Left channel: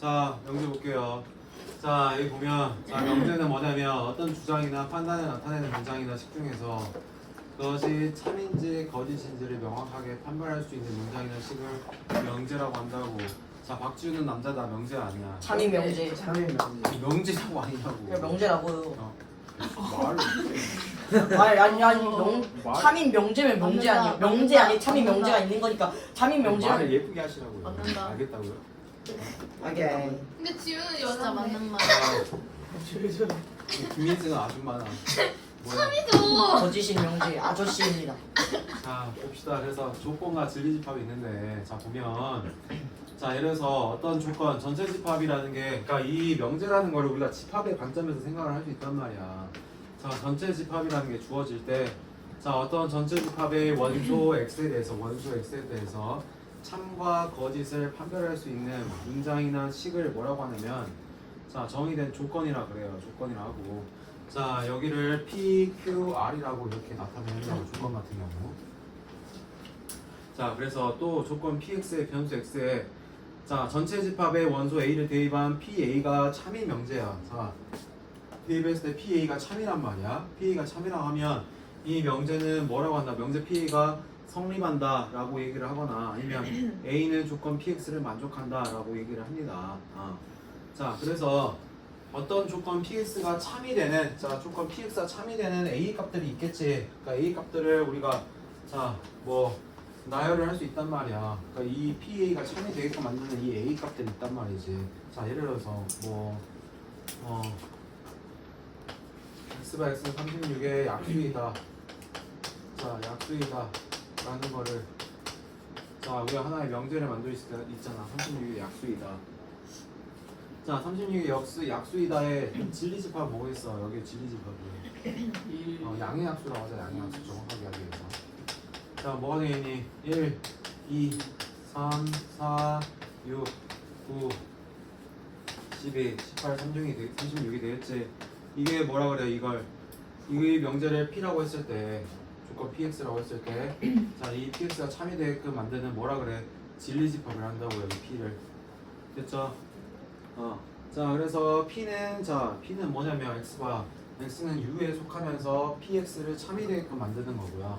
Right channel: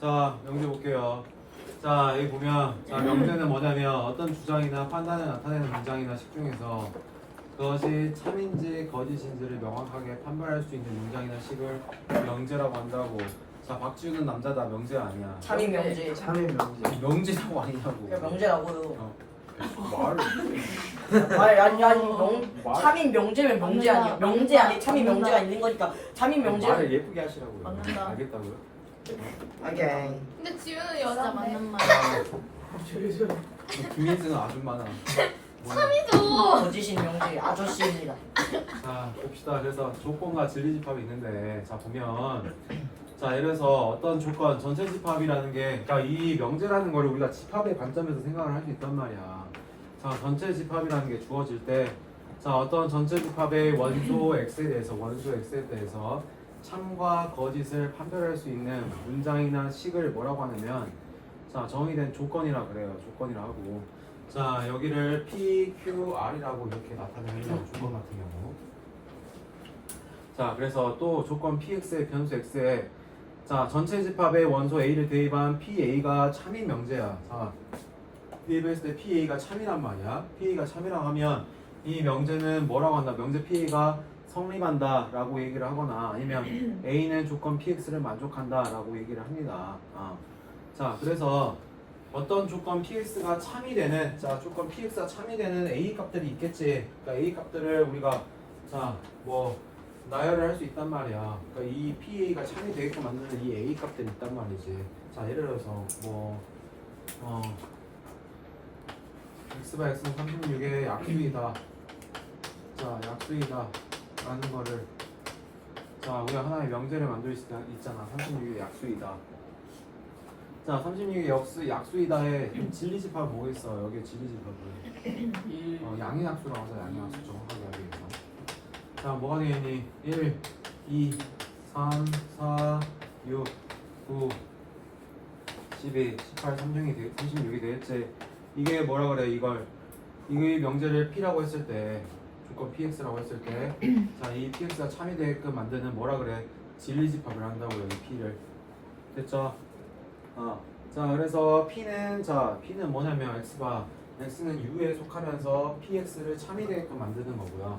자, 명제 볼게요. 자, 여기 보면 자, 명제는 뭐냐면 어떤 주장이나 판단을 나타내는 문장이나 식 중에서 그것이 참인지 거짓인지를 명확하게 판별할 수 있는 문장이나 식을 명제라고 한다고. 자, 박지우는 남자다. 명제 아니야. 참인 명제. 참인 명제. 아니, 명제라고 아니냐고. 명제라고요. 말을 아니 말- 참인 명제면 명제 아니야. 명제 아니 참인 명제가 있는 거니까 참인 명제. 말을 예쁘게 하시라고요. 알겠다고요? 알겠다. 근데 지우는 여자 맞는 말. 김민수는 아줌마다. 참이죠. 거짓인 명제 아저씨입니다. 자, 봅시다. 그래서 조건과 진리 집합이 있는데, 자 보면, 자 예를 들어서 어떤 조건, 전체 집합이라는 게, 그러니까 이 명제라는 거를 우리가 집합의 관점에서 생각을 할 수 있단 말이야. 자, 전체 집합이라는 게 주어질 때, 자 어떤 전체 집합의 원소 x에 대해서 참과 거짓을 판별할 수 있는 문장이나 식을 뭐라고 하냐면, 자 정의된 조건이라 그래요. 조건이라 하고. 자 여기를 PQR이라고 이렇게 나타내는 조건 같은 경우. 자 그래서 또 조건 PX의 변수 X에 자 전체 집합의 원소 A를 대입한 PA가 참인 명제야. 자 대입했을 때 PA가 참이란 말이야. PA가 참이라고 하면 이 명제는 뭐라고 한다? 명제 PA가 성립한다 라고 얘기를 하거나 아니면 A는 조건 PX를 만족한다 라고 얘기를 합니다. 자 그래서 어떤 조건 PX가 참이 되는 자 조건 PX가 참이 되는 A 값들이 있겠지. 그러니까 A 값들을 우리가 자 뭐 나열을 할 수 있단 말이야. 그러니까 이 PA가 참이 되게끔 만드는 이 A 값들이 있단 말이지. 자 예를 들어서 뭐 X바 X는 36의 약수이다. 자 약수이다 라는 거를 자 우리가 하나의 명제를 만들 수 있잖아. 36의 약수이다. 자 36의 약수이다의 진리집합 뭐겠어? 여기에 진리집합은 양의 약수라고 하자. 양의 약수 정확하게 하기 위해서. 자 뭐가 되겠니? 1, 2, 3, 4, 6, 9, 12, 18, 36이 되겠지. 이게 뭐라 그래? 이 명제를 P라고 했을 때 조건 PX라고 했을 때 자 이 PX가 참이 되게끔 만드는 뭐라 그래? 진리집합을 한다고요. 이 P를. 됐죠? 자 그래서 P는 뭐냐면 X는 U에 속하면서 PX를 참이 되게끔 만드는 거고요.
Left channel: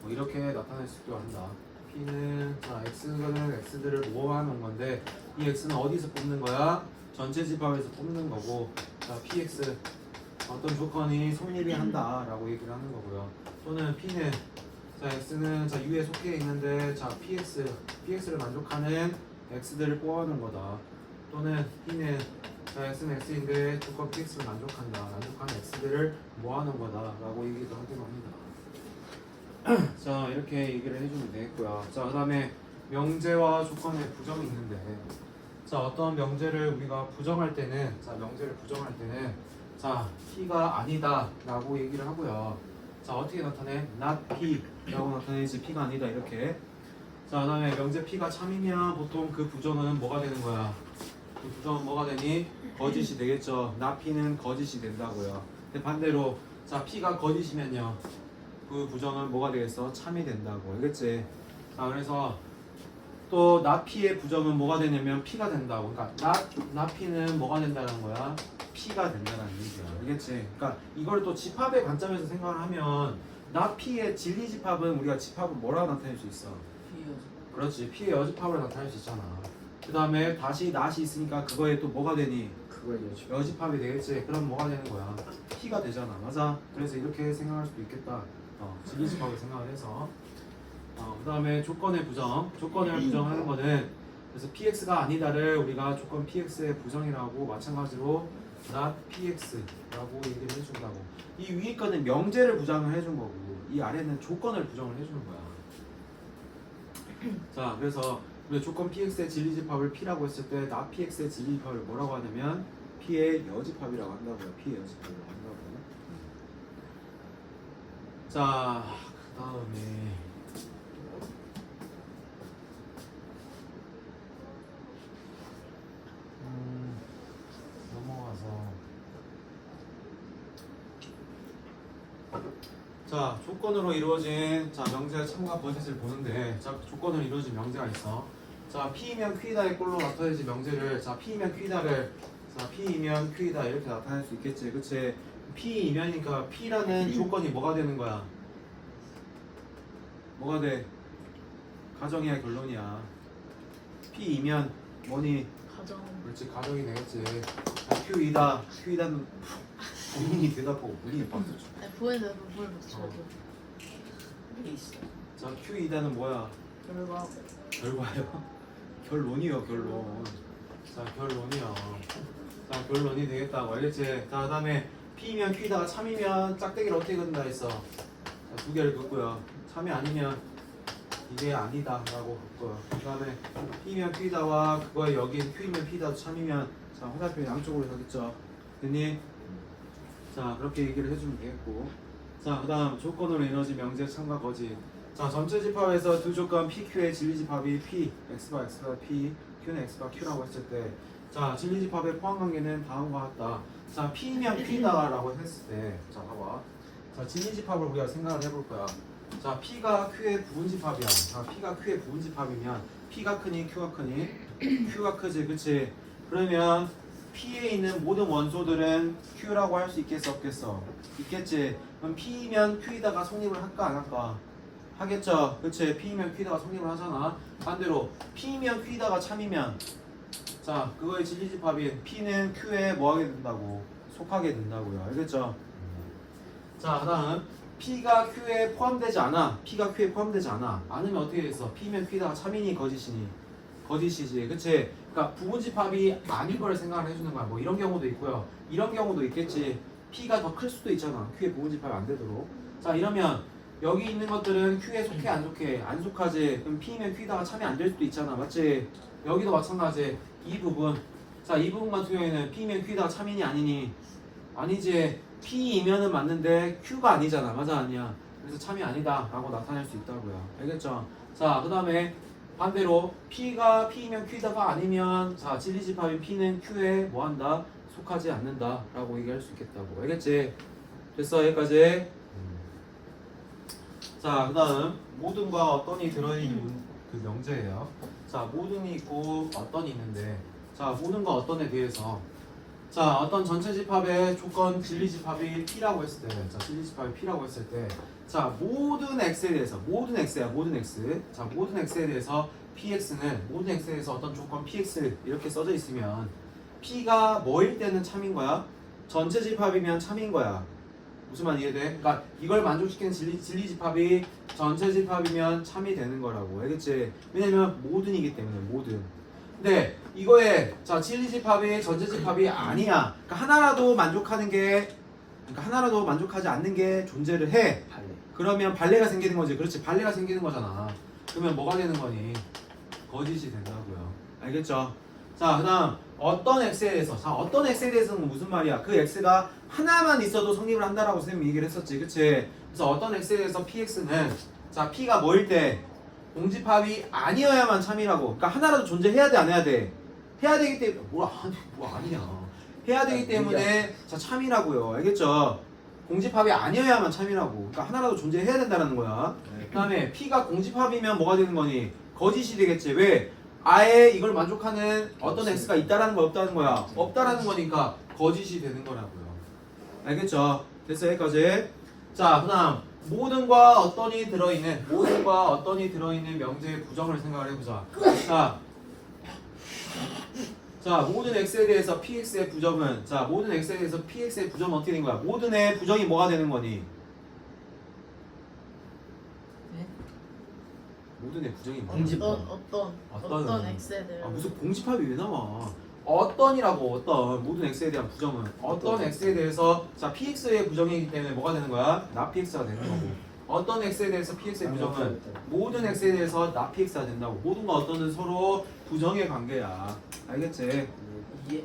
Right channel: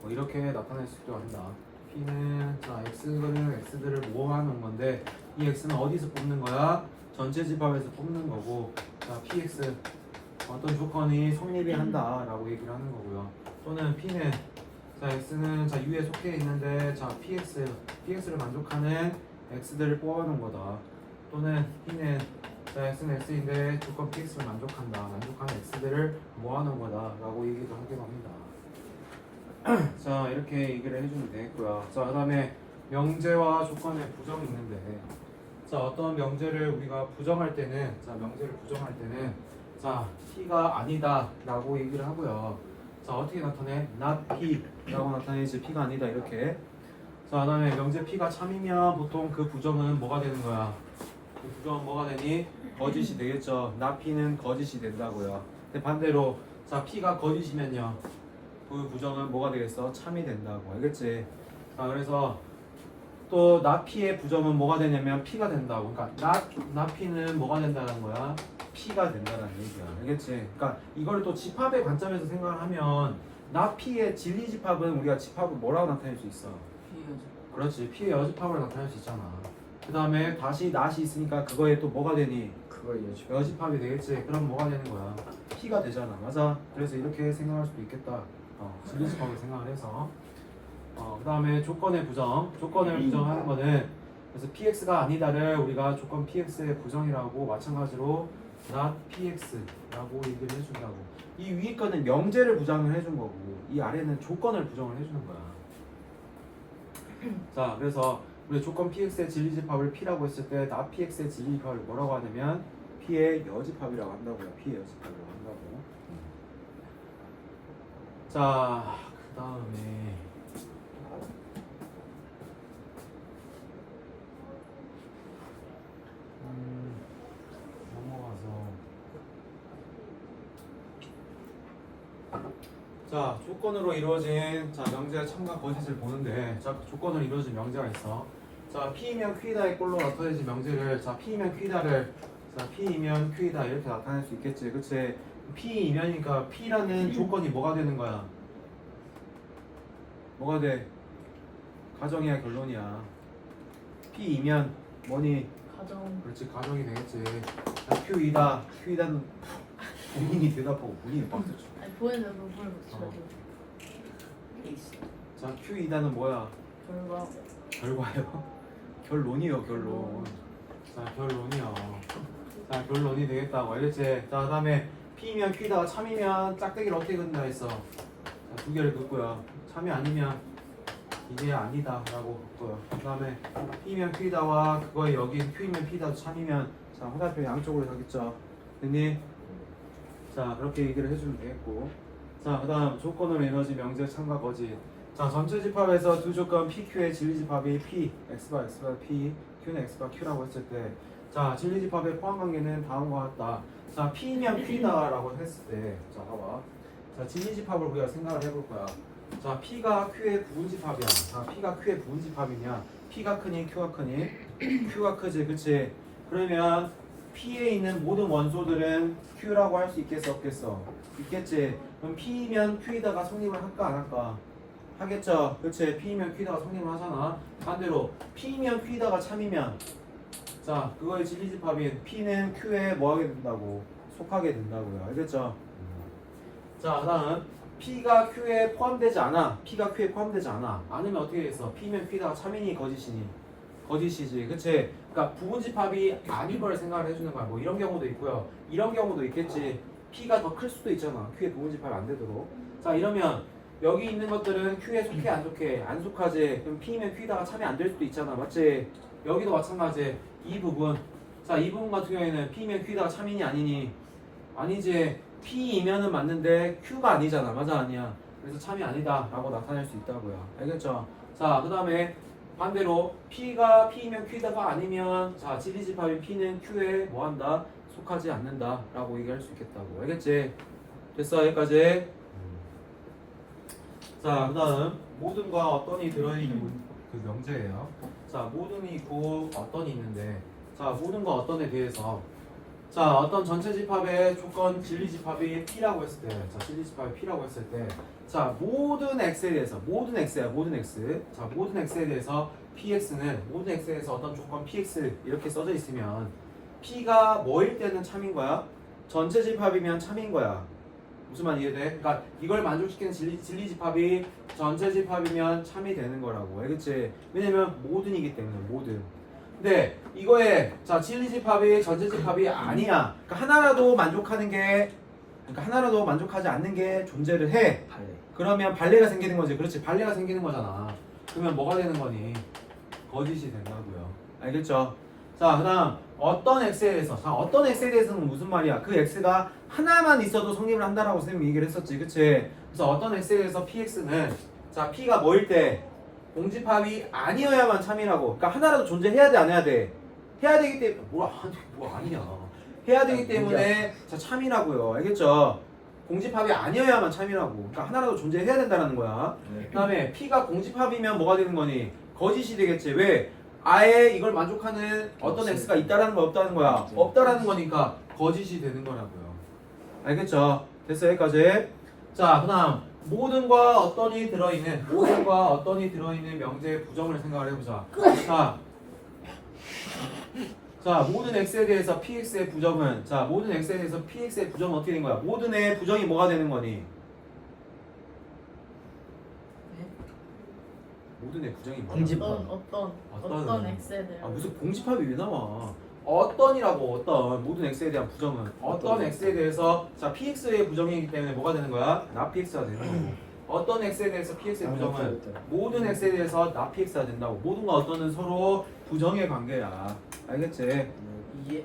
뭐 이렇게 나타낼 수도 한다. P는 자 X는 X들을 모아 놓은 건데 이 X는 어디서 뽑는 거야? 전체 집합에서 뽑는 거고 자 PX 어떤 조건이 성립이 한다라고 얘기를 하는 거고요. 또는 P는 자 X는 자 U에 속해 있는데 자 PX를 만족하는 X들을 뽑아놓은 거다. 또는 P는 자 X는 X인데 조건 PX를 만족하는 X들을 모아놓은 거다라고 얘기도 하기도 합니다. 자 이렇게 얘기를 해주면 되겠고요. 자 그다음에 명제와 조건의 부정이 있는데 자 어떤 명제를 우리가 부정할 때는 자 P가 아니다라고 얘기를 하고요. 자 어떻게 나타내? not P라고 나타내지. P가 아니다 이렇게. 자 그다음에 명제 P가 참이면 보통 그 부정은 뭐가 되는 거야? 그 부정은 뭐가 되니? 거짓이 되겠죠. not P는 거짓이 된다고요. 근데 반대로 자 P가 거짓이면요 그 부정은 뭐가 되겠어? 참이 된다고. 알겠지? 자 그래서 또 not P의 부정은 뭐가 되냐면 P가 된다고. 그러니까 not P는 뭐가 된다는 거야? P가 된다는 얘기야. 알겠지? 그러니까 이걸 또 집합의 관점에서 생각을 하면 not P의 진리 집합은 우리가 집합을 뭐라고 나타낼 수 있어? 그렇지. P의 여집합을 나타낼 수 있잖아. 그 다음에 다시 not이 있으니까 그거에 또 뭐가 되니? 그거 여집합이 되겠지. 그럼 뭐가 되는 거야? P가 되잖아. 맞아. 그래서 이렇게 생각할 수도 있겠다. 진리 집합을 생각을 해서 그 다음에 조건의 부정. 조건을 부정하는 거는 그래서 PX가 아니다를 우리가 조건 PX의 부정이라고 마찬가지로 not PX라고 얘기를 해준다고. 이 위에 거는 명제를 부정을 해준 거고 이 아래는 조건을 부정을 해주는 거야. 자 그래서 우리 조건 PX의 진리집합을 P라고 했을 때 not PX의 진리집합을 뭐라고 하냐면 P의 여집합이라고 한다고요. P의 여집합이라고 한다고. 자 그 다음에 넘어가서 자 조건으로 이루어진 자 명제의 참과 거짓을 보는데 자 조건으로 이루어진 명제가 있어. 자 P이면 Q이다의 꼴로 나타내지 명제를 자 P이면 Q이다를 자 P이면 Q이다 이렇게 나타낼 수 있겠지 그치? P이면이니까 P라는 조건이 뭐가 되는 거야? 뭐가 돼? 가정이야 결론이야 P이면 뭐니? 가정. 그렇지 가정이 되겠지 자 Q이다 Q이다는 본인이 대답하고 본인이 박수 쳐 보이는 부분을 저도 있어. 자 Q이다는 뭐야? 결과. 결과요? 결론이요 결론 자 결론이요 자 결론이 되겠다고 알겠지? 자 그 다음에 P면 Q다가 참이면 짝대기를 어떻게 긋는다 했어? 자, 두 개를 긋고요 참이 아니면 이게 아니다 라고 긋고요 그 다음에 P면 Q다와 그거에 여기 Q면 P다도 참이면 자 화살표 양쪽으로 가겠죠 됐니? 자 그렇게 얘기를 해주면 되겠고 자 그 다음 조건으로 에너지 명제 참과 거짓 자 전체 집합에서 두 조건 PQ의 진리 집합이 P, X바 X바 P, Q는 X바 Q라고 했을 때 자 진리 집합의 포함 관계는 다음과 같다 자 P면 Q다 라고 했을 때자 봐봐 자 진리 집합을 우리가 생각을 해볼 거야 자 P가 Q의 부분 집합이야 자 P가 Q의 부분 집합이면 P가 크니 Q가 크니 Q가 크지 그치 그러면 P에 있는 모든 원소들은 Q라고 할 수 있겠어 없겠어? 있겠지 그럼 P면 Q이다가 성립을 할까 안 할까? 하겠죠 그치 P면 Q다가 성립을 하잖아 반대로 P면 Q다가 참이면 자 그거의 진리집합인 P는 Q에 뭐하게 된다고? 속하게 된다고요 알겠죠? 자 그다음 P가 Q에 포함되지 않아 P가 Q에 포함되지 않아 않으면 어떻게 해서 P면 Q다가 참이니 거짓이니? 거짓이지 그치 그러니까 부분집합이 아닌 걸 생각을 해주는 거야 뭐 이런 경우도 있고요 이런 경우도 있겠지 P가 더 클 수도 있잖아 Q에 부분집합이 안 되도록 자 이러면 여기 있는 것들은 Q에 속해 안 속해? 안 속하지 그럼 P면 Q다가 참이 안 될 수도 있잖아 맞지? 여기도 마찬가지 이 부분 자 이 부분 같은 경우에는 P면 Q다가 참이니 아니니? 아니지 P이면은 맞는데 Q가 아니잖아 맞아 아니야 그래서 참이 아니다 라고 나타낼 수 있다고요 알겠죠? 자 그 다음에 반대로 P가 P이면 Q다가 아니면 자 진리집합인 P는 Q에 뭐한다? 속하지 않는다 라고 얘기할 수 있겠다고 알겠지? 됐어 여기까지 자 그 다음 모든과 어떤이 들어있는 그 명제예요 자 모든이 있고 어떤이 있는데 자 모든과 어떤에 대해서 자 어떤 전체 집합의 조건 진리집합이 P라고 했을 때자 진리집합이 P라고 했을 때 자 모든 X에 대해서 모든 X야 모든 X 자 모든 X에 대해서 PX는 모든 X에 대해서 어떤 조건 PX 이렇게 써져 있으면 P가 뭐일 때는 참인 거야? 전체 집합이면 참인 거야 무슨 말 이해돼? 그러니까 이걸 만족시키는 진리 집합이 전체 집합이면 참이 되는 거라고 알겠지? 왜냐면 모든이기 때문에 모든 근데 이거에 자 진리 집합이 전체 집합이 아니야 그러니까 하나라도 만족하는 게 그러니까 하나라도 만족하지 않는 게 존재를 해 그러면 발레가 생기는 거지 그렇지 발레가 생기는 거잖아 그러면 뭐가 되는 거니? 거짓이 된다고요 알겠죠? 자 그 다음 어떤 X에 대해서 자 어떤 X에 대해서는 무슨 말이야 그 X가 하나만 있어도 성립을 한다라고 선생님이 얘기를 했었지 그치 그래서 어떤 X에 대해서 PX는 자 P가 뭐일 때 공집합이 아니어야만 참이라고 그러니까 하나라도 존재해야 돼 안 해야 돼 해야 되기 때문에 뭐 아니야 해야 되기 때문에 자 참이라고요 알겠죠 공집합이 아니어야만 참이라고 그러니까 하나라도 존재해야 된다는 거야 그 다음에 P가 공집합이면 뭐가 되는 거니 거짓이 되겠지 왜 아예 이걸 만족하는 어떤 X가 있다라는 거 없다는 거야 없다라는 거니까 거짓이 되는 거라고요 알겠죠? 됐어요 여기까지 자 그 다음 모든과 어떤이 들어있는 모든과 어떤이 들어있는 명제의 부정을 생각을 해보자 자 모든 X에 대해서 PX의 부정은 자 모든 X에 대해서 PX의 부정은 어떻게 된 거야 모든의 부정이 뭐가 되는 거니 모든의 부정이 뭐야 공집합. 어떤 X에 대해 아 무슨 공집합이 왜 나와 어떤이라고 어떤 모든 X에 대한 부정은 어떤 X에 대해서 자 PX의 부정이기 때문에 뭐가 되는 거야? 나 PX가 되는 거고 어떤 X에 대해서 PX의 부정은 모든 X에 대해서 나 PX가 된다고 모든과 어떤은 서로 부정의 관계야 알겠지? 이해.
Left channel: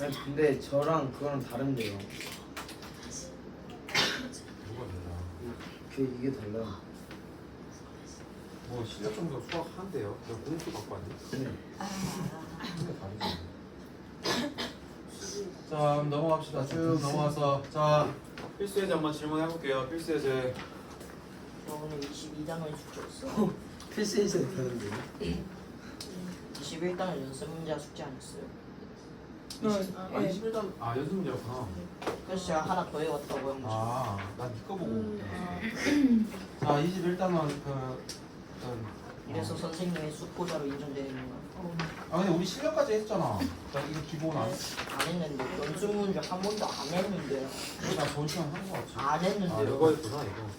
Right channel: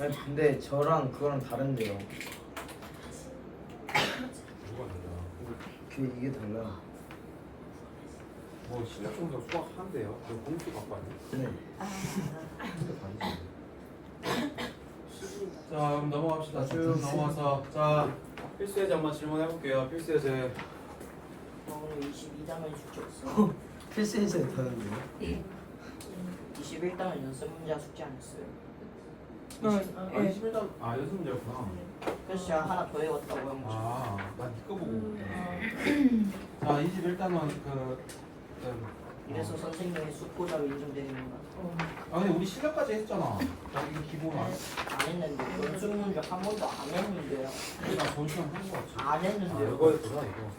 아니 근데 저랑 그거랑 다른데요. 이게 달라. 뭐 실력 점수 수학 한대요 공수 갖고 왔네 자 그럼 넘어갑시다 쭉 넘어가서 자 필수 예제 한번 질문해 볼게요 필수 예제 오늘 22단원 숙제였어요. 필수에서 배웠는데요? 21단원 연습 문제 숙제 안 했어요. 아 21단 아 연습 문제였구나. 그래서 제가 하나 더 외웠다고 한 거죠. 아난 니꺼 보고. 자 21단원 이래서 선생님의 수포자로 인정되는 거. 아 근데 우리 실력까지 했잖아. 자 이거 기본 안 했는데 연습 문제 한 번도 안 했는데요. 우리가 본 시간 한거 같지. 안 아 했는데요. 이거였구나 이거.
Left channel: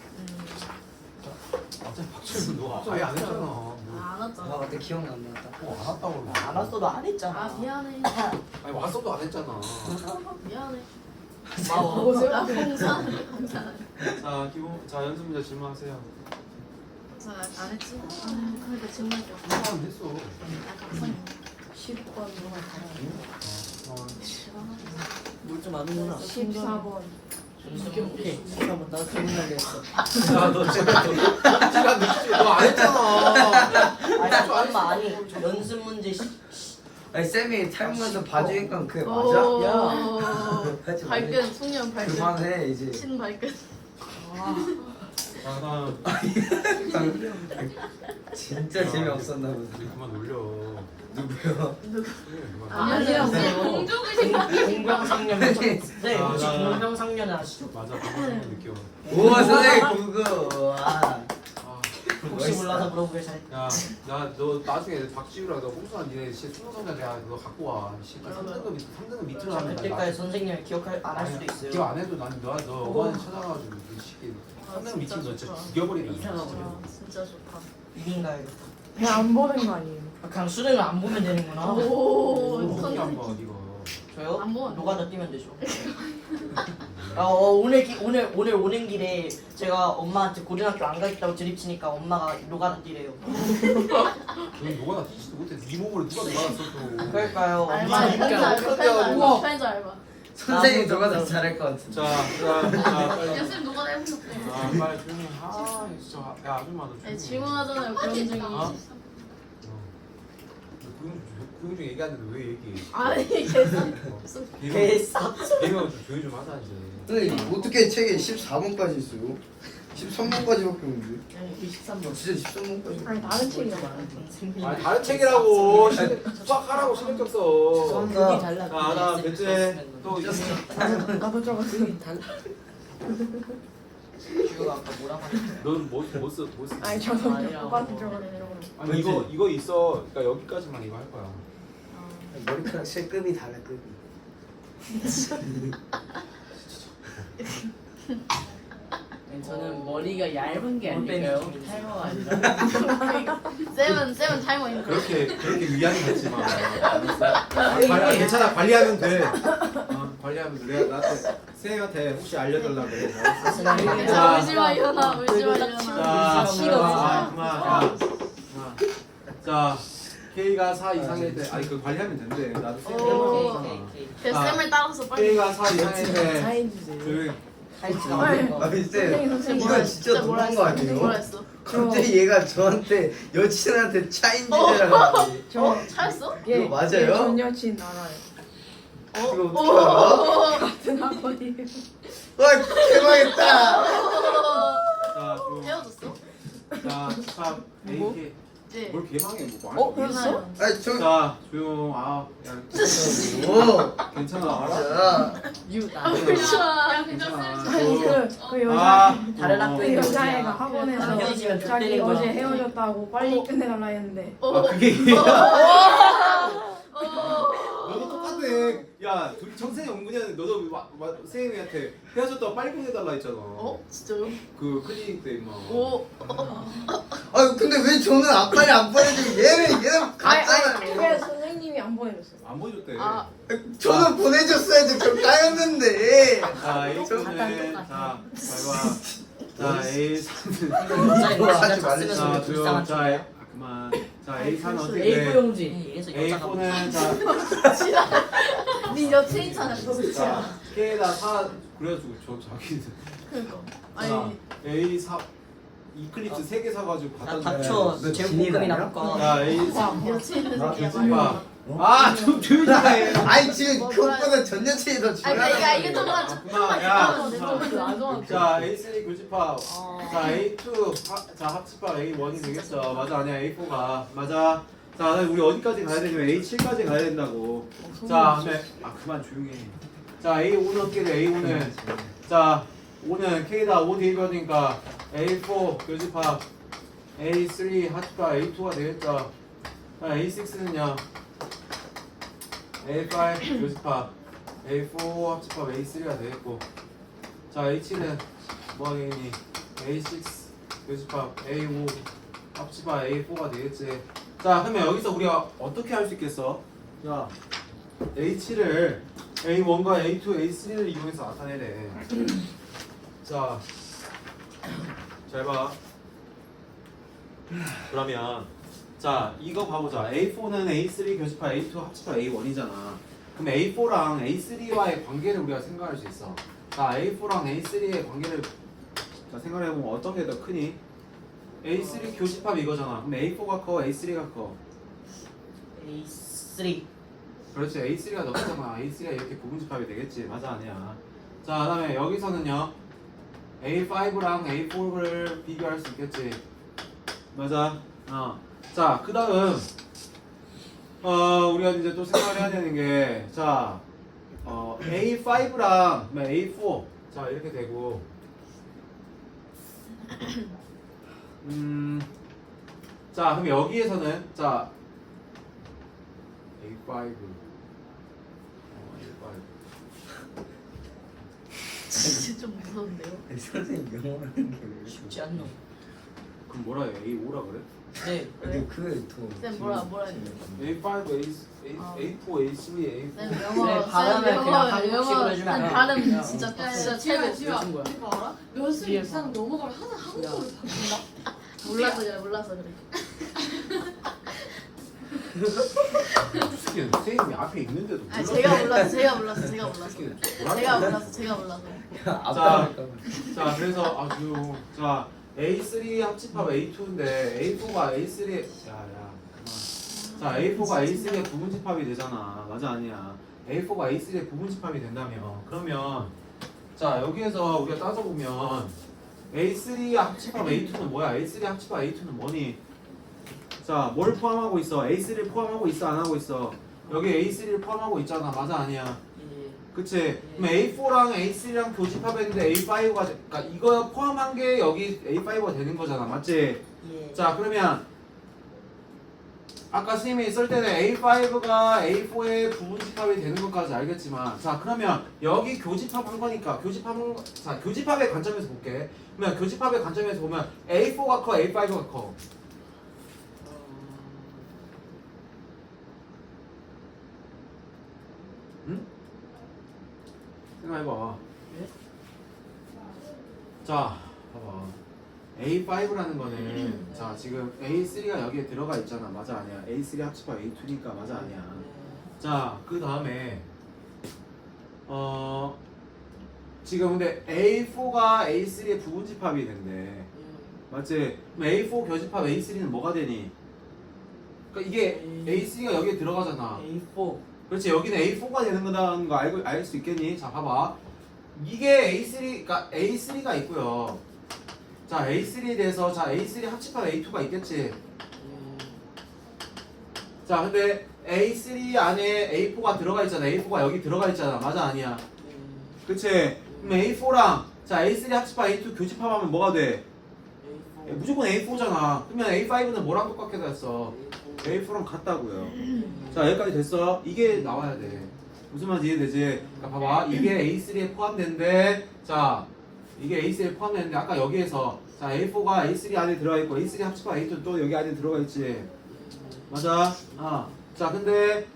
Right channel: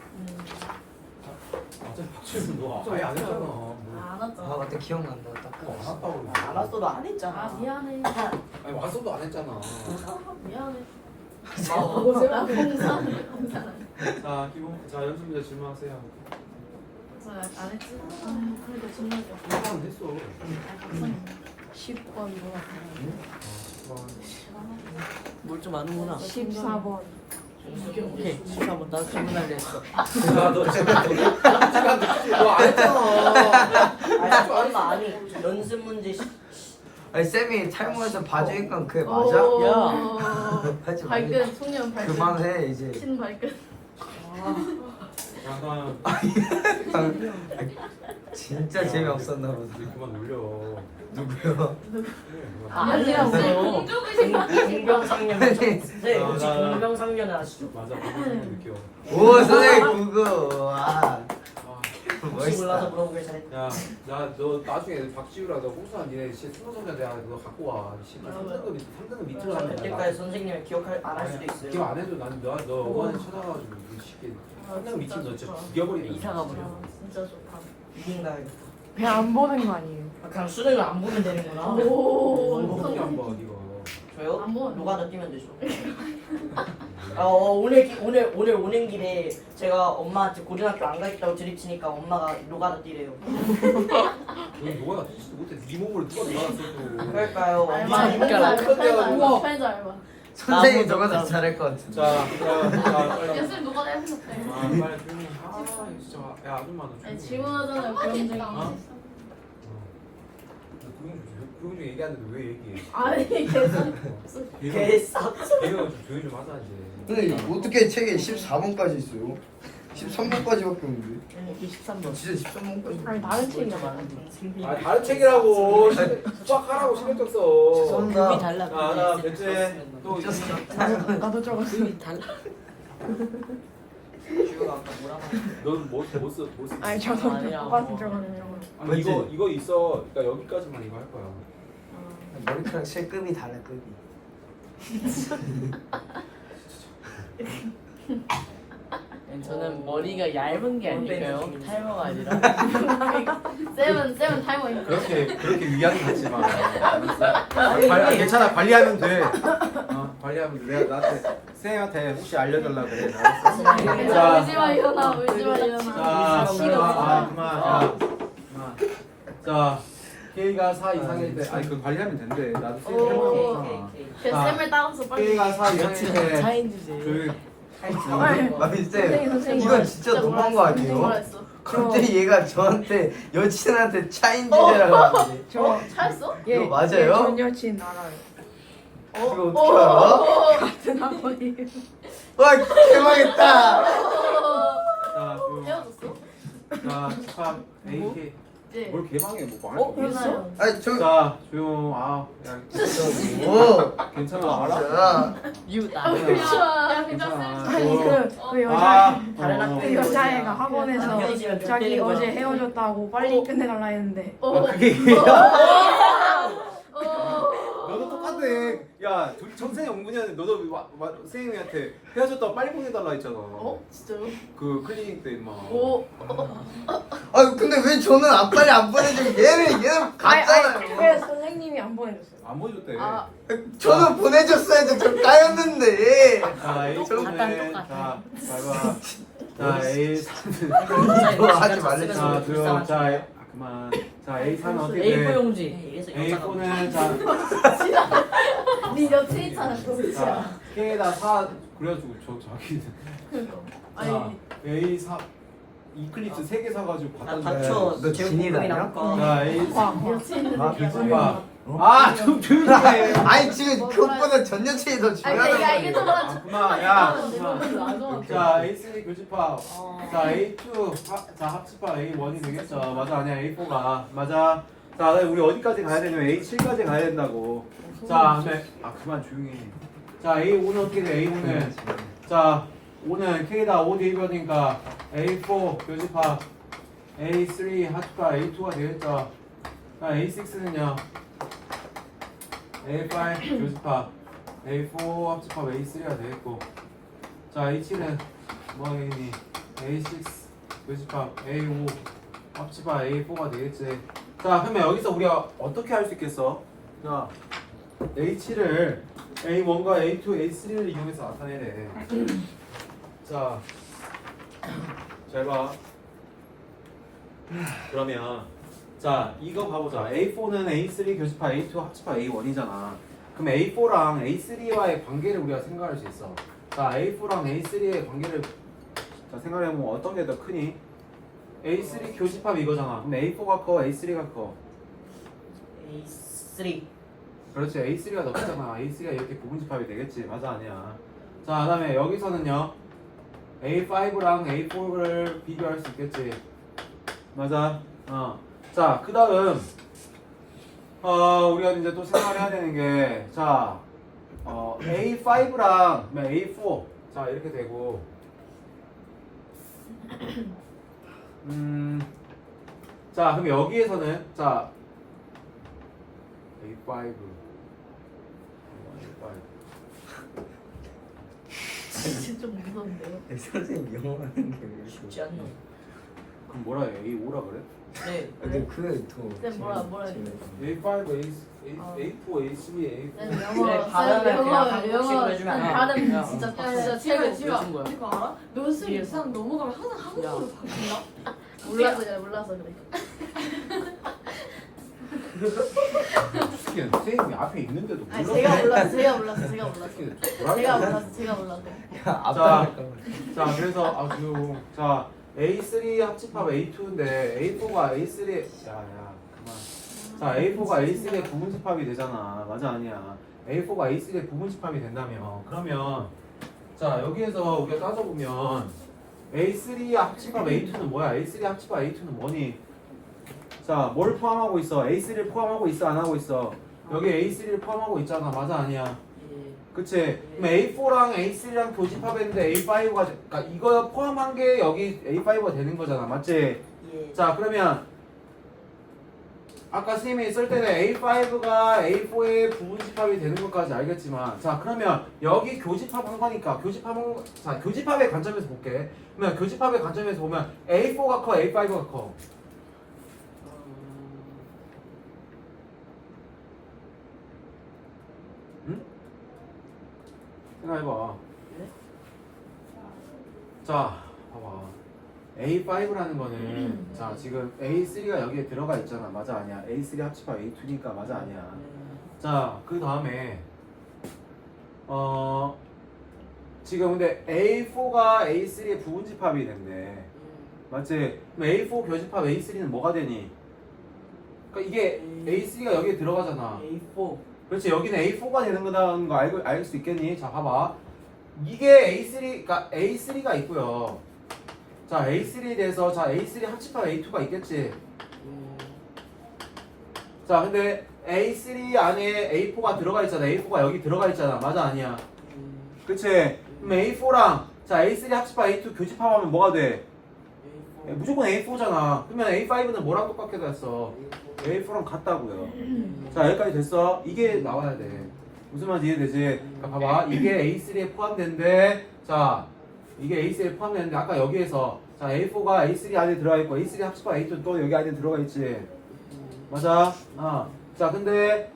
어차피 박철수 너 아예 안 했잖아. 뭐 안 왔잖아. 아 맞다 기억난다 딱. 안 왔다고. 안 왔어도 안 했잖아. 아 미안해. 아니 왔어도 안 했잖아. 미안해. 어. 제가 자 기본 자 연습 문제 질문하세요. 안 했지? 그래도 정말 한번 했어. 뭘좀 아는구나. 14번. 오케이. 한번 난 정리하게 했어. 야너 지금 시간 늦지? 너안 했잖아. 아니 얼마 아니 연습 문제 아니 쌤이 탈모에서 봐주니까 그게 맞아? 하지 마. 발견 청년 발견. 그만해 이제. 신 발견. 자 그럼 진짜 재미없었나 보다. 우리 그만 놀려. 누구요? 아니라고요. 공병상련. 네, 혹시 아, 나- 공병상련 아시죠? 맞아 방금 느껴. 오 선생님 그거. 와. 혹시 몰라서 물어보겠어요. 야너 나중에 박지우라 너 홍수한 니네 진짜 충성자 내가 너 갖고 와. 진짜 3등급 밑으로 하면 그때까지 선생님을 기억할 안 할 수도 있어요. 기억 안 해도 너 어머니 찾아가지고 너 쉽게 3등급 밑으로 너 진짜 죽여버리는 이상한 거야. 진짜 좋다. 이긴가요? 그냥 안 보는 거 아니에요? 그냥 수능을 안 보면 되는구나. 오. 어떻게 한번 이거. 저요? 안 보면 노가다 뛰면 되죠. 오늘 오는 길에 제가 엄마한테 고등학교 안 가겠다고 드립치니까 엄마가 노가다 뛰래요. 너 누가 나 뛰지도 못해. 네 몸으로 누가 놀았어 또. 그럴까요? 알바. 진짜 못한대 가지고. 우와. 패자 알바. 선생님 너가 더 잘할 것 같은데. 자 빨리. 연습 누가 해보셨대? 빨리 조용히. 아 진짜 야 아줌마 너 조용히. 질문하잖아요. 그런 어? 중. 그런 중 얘기하는데 왜 얘기해? 아니 계속. 개싸. 얘가 좀 조용히 좀 하자 이제. 선생님 어떻게 책에 14번까지 있어요? 13번까지밖에 없는데. 23번. 진짜 13번까지. 아니 다른 책이 아 다른 책이라고. 수학하라고 신경 써. 눈이 달라. 나 몇째 또 나도 들어갔어. 눈이 달라. 이거 아까 뭐라고 했지? 넌못 쓰. 아니 저도 오빠한테 들어갔는데. 아니 이거 있어. 그러니까 여기까지만 이거 할 거야. 머리카락 실급이 달라 급이. 저는 머리가 얇은 게 아니고요. 탈모가 아니라. 쌤은 타이머 있는. 그렇게 위안이 갖지 마. 알았어? 괜찮아 관리하면 돼. 관리하면 돼. 내가 나한테 쌤한테 혹시 알려달라 그래. 알았어? 울지 마 일어나. 울지 마 일어나. 그만. 자 K가 4 이상일 때 아니 그 관리하면 된대. 나도 쌤 해보면 없잖아. 그 자, 쌤을 따라서 빨리. K가 4 이상일 때 차인지세요. 조용히. 아니 쌤 선생님, 이건 진짜 너무한 거 아니에요? 갑자기 얘가 저한테 여친한테 차인지라고 하지. 저 차였어? 이거 맞아요? 전 여친 알아요. 이거 어떻게 알아? 같은 학번이에요. 와 대박이다. 자 조용. 헤어졌어? 자 축하 AK. 네. 뭘 개망해 뭐 말. 벌써? 아니 저. 자 조용. 야 오. 괜찮아. 알아. 자. 야 괜찮아. 그 다른 학교에 그 여자애가 학원에서 헤어지면 자기 때리는 어제 거지. 헤어졌다고 빨리 끝내달라 했는데 그게 얘야? 너도 똑같아. 야, 선생님 옹분이한테 너도 선생님한테 헤어졌다고 빨리 보내달라 했잖아. 진짜요? 그 클리닉 때 임마. 아니 근데 왜 저는 빨리 안 보내줘? 얘는 갔잖아요. 왜 선생님이 안 보내줬어요? 안 보여줬대. 저는 보내줬어야지. 저 까였는데. 자, A는 자, 봐봐. 자, A3은 이거 하지 말랬어. 자, 조용. 자, 그만. 자, A4는 어떻게 돼? A4 용지. A4는 자, 네 여친 있잖아. 자, K에다 4 그래가지고 자기는 자, A4 이클립스 3개 사가지고 야 받았는데 닥쳐. 너 제일 진이 고민이 나냐? 나올 거. 자, A3 여친 있는 아, 새끼야. 그 봐. 아, 좀 조용히 해. 아니 지금 그것보다 전 여친이 더 중요하단 야 이게 더 말이야. 아, 그만, 야, 그만. 나도 자, A3 교집합. 자, A2 자 합집합 A1이 되겠어. 맞아, 아니야 A4가 맞아. 자, 우리 어디까지 가야 되냐면 A7까지 가야 된다고. 자, 그다음에 그만 조용히 해. 자, A5는 어떻게 돼? A5는 자, 5는 K다 5 대입하니까 A4 교집합 A3 합집합 A2가 되겠죠. 자, A6는요 A5 교집합 A4 합집합 A3가 되겠고. 자, H7은 뭐 하겠니? A6 교집합 A5 합집합 A4가 되겠지. 자, 그러면 여기서 우리가 어떻게 할 수 있겠어? 자, H7을 A1과 A2, A3를 이용해서 나타내래. 자, 잘 봐. 그러면 자, 이거 봐보자. A4는 A3 교집합 A2 합집합 A1이잖아. 그럼 A4랑 A3와의 관계를 우리가 생각할 수 있어. 자, A4랑 A3의 관계를 자, 생각해보면 어떤 게 더 크니? A3 교집합 이거잖아. 그럼 A4가 커, A3가 커. A3. 그렇지, A3가 더 크잖아. A3가 이렇게 부분집합이 되겠지. 맞아, 아니야. 자, 그 다음에 여기서는요 A5랑 A4를 비교할 수 있겠지. 맞아. 자, 그 다음 우리가 이제 또 생각을 해야 되는 게 자, A5랑 A4 자, 이렇게 되고 자, 그럼 여기에서는 자 A5 진짜 좀 무서운데요? 선생님 영어 하는 게 왜 쉽지 않노. 그럼 뭐라 해? A5라 그래? 네. 근데 그게 더 쌤 뭐라 해야 돼? A5, A4, A3, A4 쌤 그래, 영어 발음을 그냥 한국식으로 영어 해주면 아니 안 돼. 발음 야. 진짜 야, 진짜 지금 최고. 지금 무슨 거야? 이거 알아? 몇승 이상 넘어가면 항상 한국어로 바뀐다. 몰라서 그래 몰라서 그래. 특히 선생님이 앞에 있는데도 아니 몰라. 제가 몰라서 제가 몰라서 제가 몰라서 제가 제가 몰라서 제가 몰라서. 자, 그래서 아주 자 A3 합집합 A2인데 A4가 A3 야야 그만. 자, A4가 A3의 부분집합이 되잖아. 맞아, 아니야. A4가 A3의 부분집합이 된다며. 그러면 자, 여기에서 우리가 따져보면 A3 합집합 A2는 뭐야? A3 합집합 A2는 뭐니? 자, 뭘 포함하고 있어? A3를 포함하고 있어? 안 하고 있어? 여기 A3를 포함하고 있잖아. 맞아, 아니야? 예. 그치? 그럼 A4랑 A3랑 교집합했는데 A5가 그러니까 이거 포함한 게 여기 A5가 되는 거잖아. 맞지? 예. 자, 그러면 아까 선생님이 쓸 때는 A5가 A4의 부분집합이 되는 것까지 알겠지만 자, 그러면 여기 교집합한 거니까 교집합의 관점에서 볼게. 그러면 교집합의 관점에서 보면 A4가 커, A5가 커. 응? 생각해봐. 자, 봐봐. A5라는 거는 자, 지금 A3가 여기에 들어가 있잖아. 맞아, 아니야? A3 합집합 A2니까 맞아, 아니야? 자, 그 다음에 지금 근데 A4가 A3의 부분집합이 된대. 맞지? 그럼 A4 교집합 A3는 뭐가 되니? 그러니까 이게 A3가 여기에 들어가잖아. A4. 그렇지, 여기는 A4가 되는 거다는 거 알 수 있겠니? 자, 봐봐. 이게 A3가 A3가 있고요. 자, A3에 대해서 자, A3 합집합 A2가 있겠지. 자, 근데 A3 안에 A4가 들어가 있잖아. A4가 여기 들어가 있잖아. 맞아, 아니야? 그치? 그럼 A4랑 자, A3 합집합 A2 교집합하면 뭐가 돼? 무조건 A4잖아. 그러면 A5는 뭐랑 똑같게 됐어? A4랑 같다고요. 자, 여기까지 됐어. 이게 나와야 돼. 무슨 말인지 이해되지? 그러니까 봐봐. 이게 A3에 포함된데 자, 이게 A3에 포함되는데 아까 여기에서 자, A4가 A3 안에 들어가 있고 A3 합집합 A2 또 여기 안에 들어가 있지. 맞아? 자, 근데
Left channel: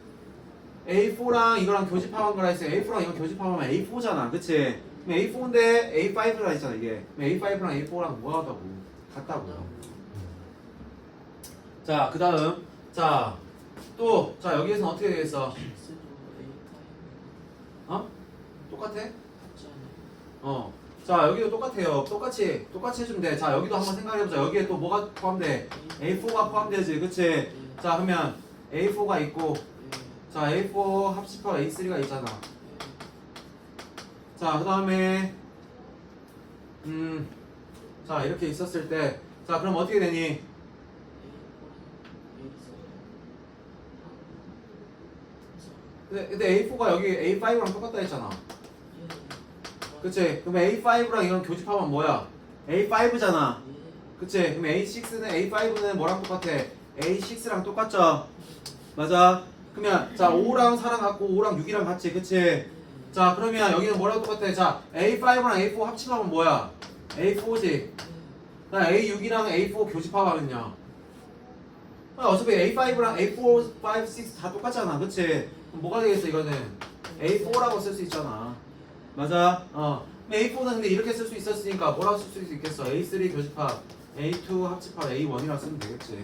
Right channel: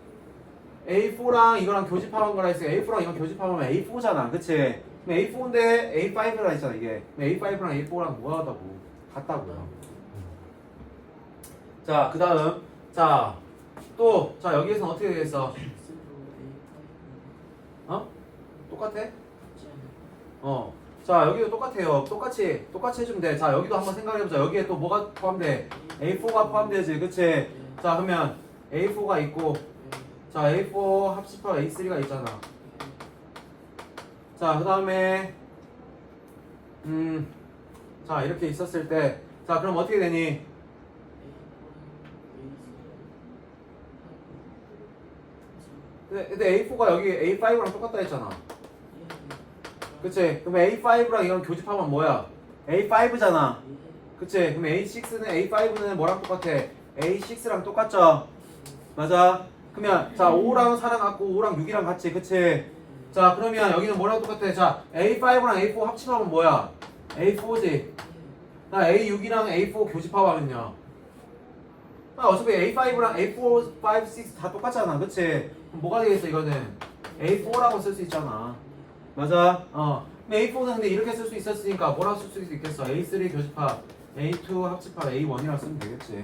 A4랑 이거랑 교집합한 거라 했어. A4랑 이거 교집합하면 A4잖아. 그치? 그럼 A4인데 A5라 했잖아, 이게. A5랑 A4랑 뭐하다고? 같다고요. 자, 그 다음. 자, 또, 자, 여기에서는 어떻게 되겠어? 똑같아? 자, 여기도 똑같아요. 똑같이 해주면 돼. 자, 여기도 한번 생각해보자. 여기에 또 뭐가 포함돼? A4가 포함되지. 그치? 자, 그러면 A4가 있고 자 A4 합집합 A3가 있잖아. 자 그 다음에 자 이렇게 있었을 때 자 그럼 어떻게 되니? 근데 A4가 여기 A5랑 똑같다 했잖아. 그치? 그럼 A5랑 이건 교집합은 뭐야? A5잖아. 그치? 그럼 A6는 뭐랑 똑같아? A6랑 똑같죠? 맞아? 그러면 자 5랑 4랑 같고 5랑 6이랑 같지. 그치? 자 그러면 여기는 뭐랑 똑같아? 자 A5랑 A4 합집합은 뭐야? A4지. 나 A6이랑 A4 교집합하면요. 어차피 A5랑 A4, 5, 6 다 똑같잖아. 그치? 그럼 뭐가 되겠어 이거는? A4라고 쓸 수 있잖아. 맞아? A4는 근데 이렇게 쓸 수 있었으니까 뭐라고 쓸 수 있겠어? A3 교집합, A2 합집합, A1이라고 쓰면 되겠지.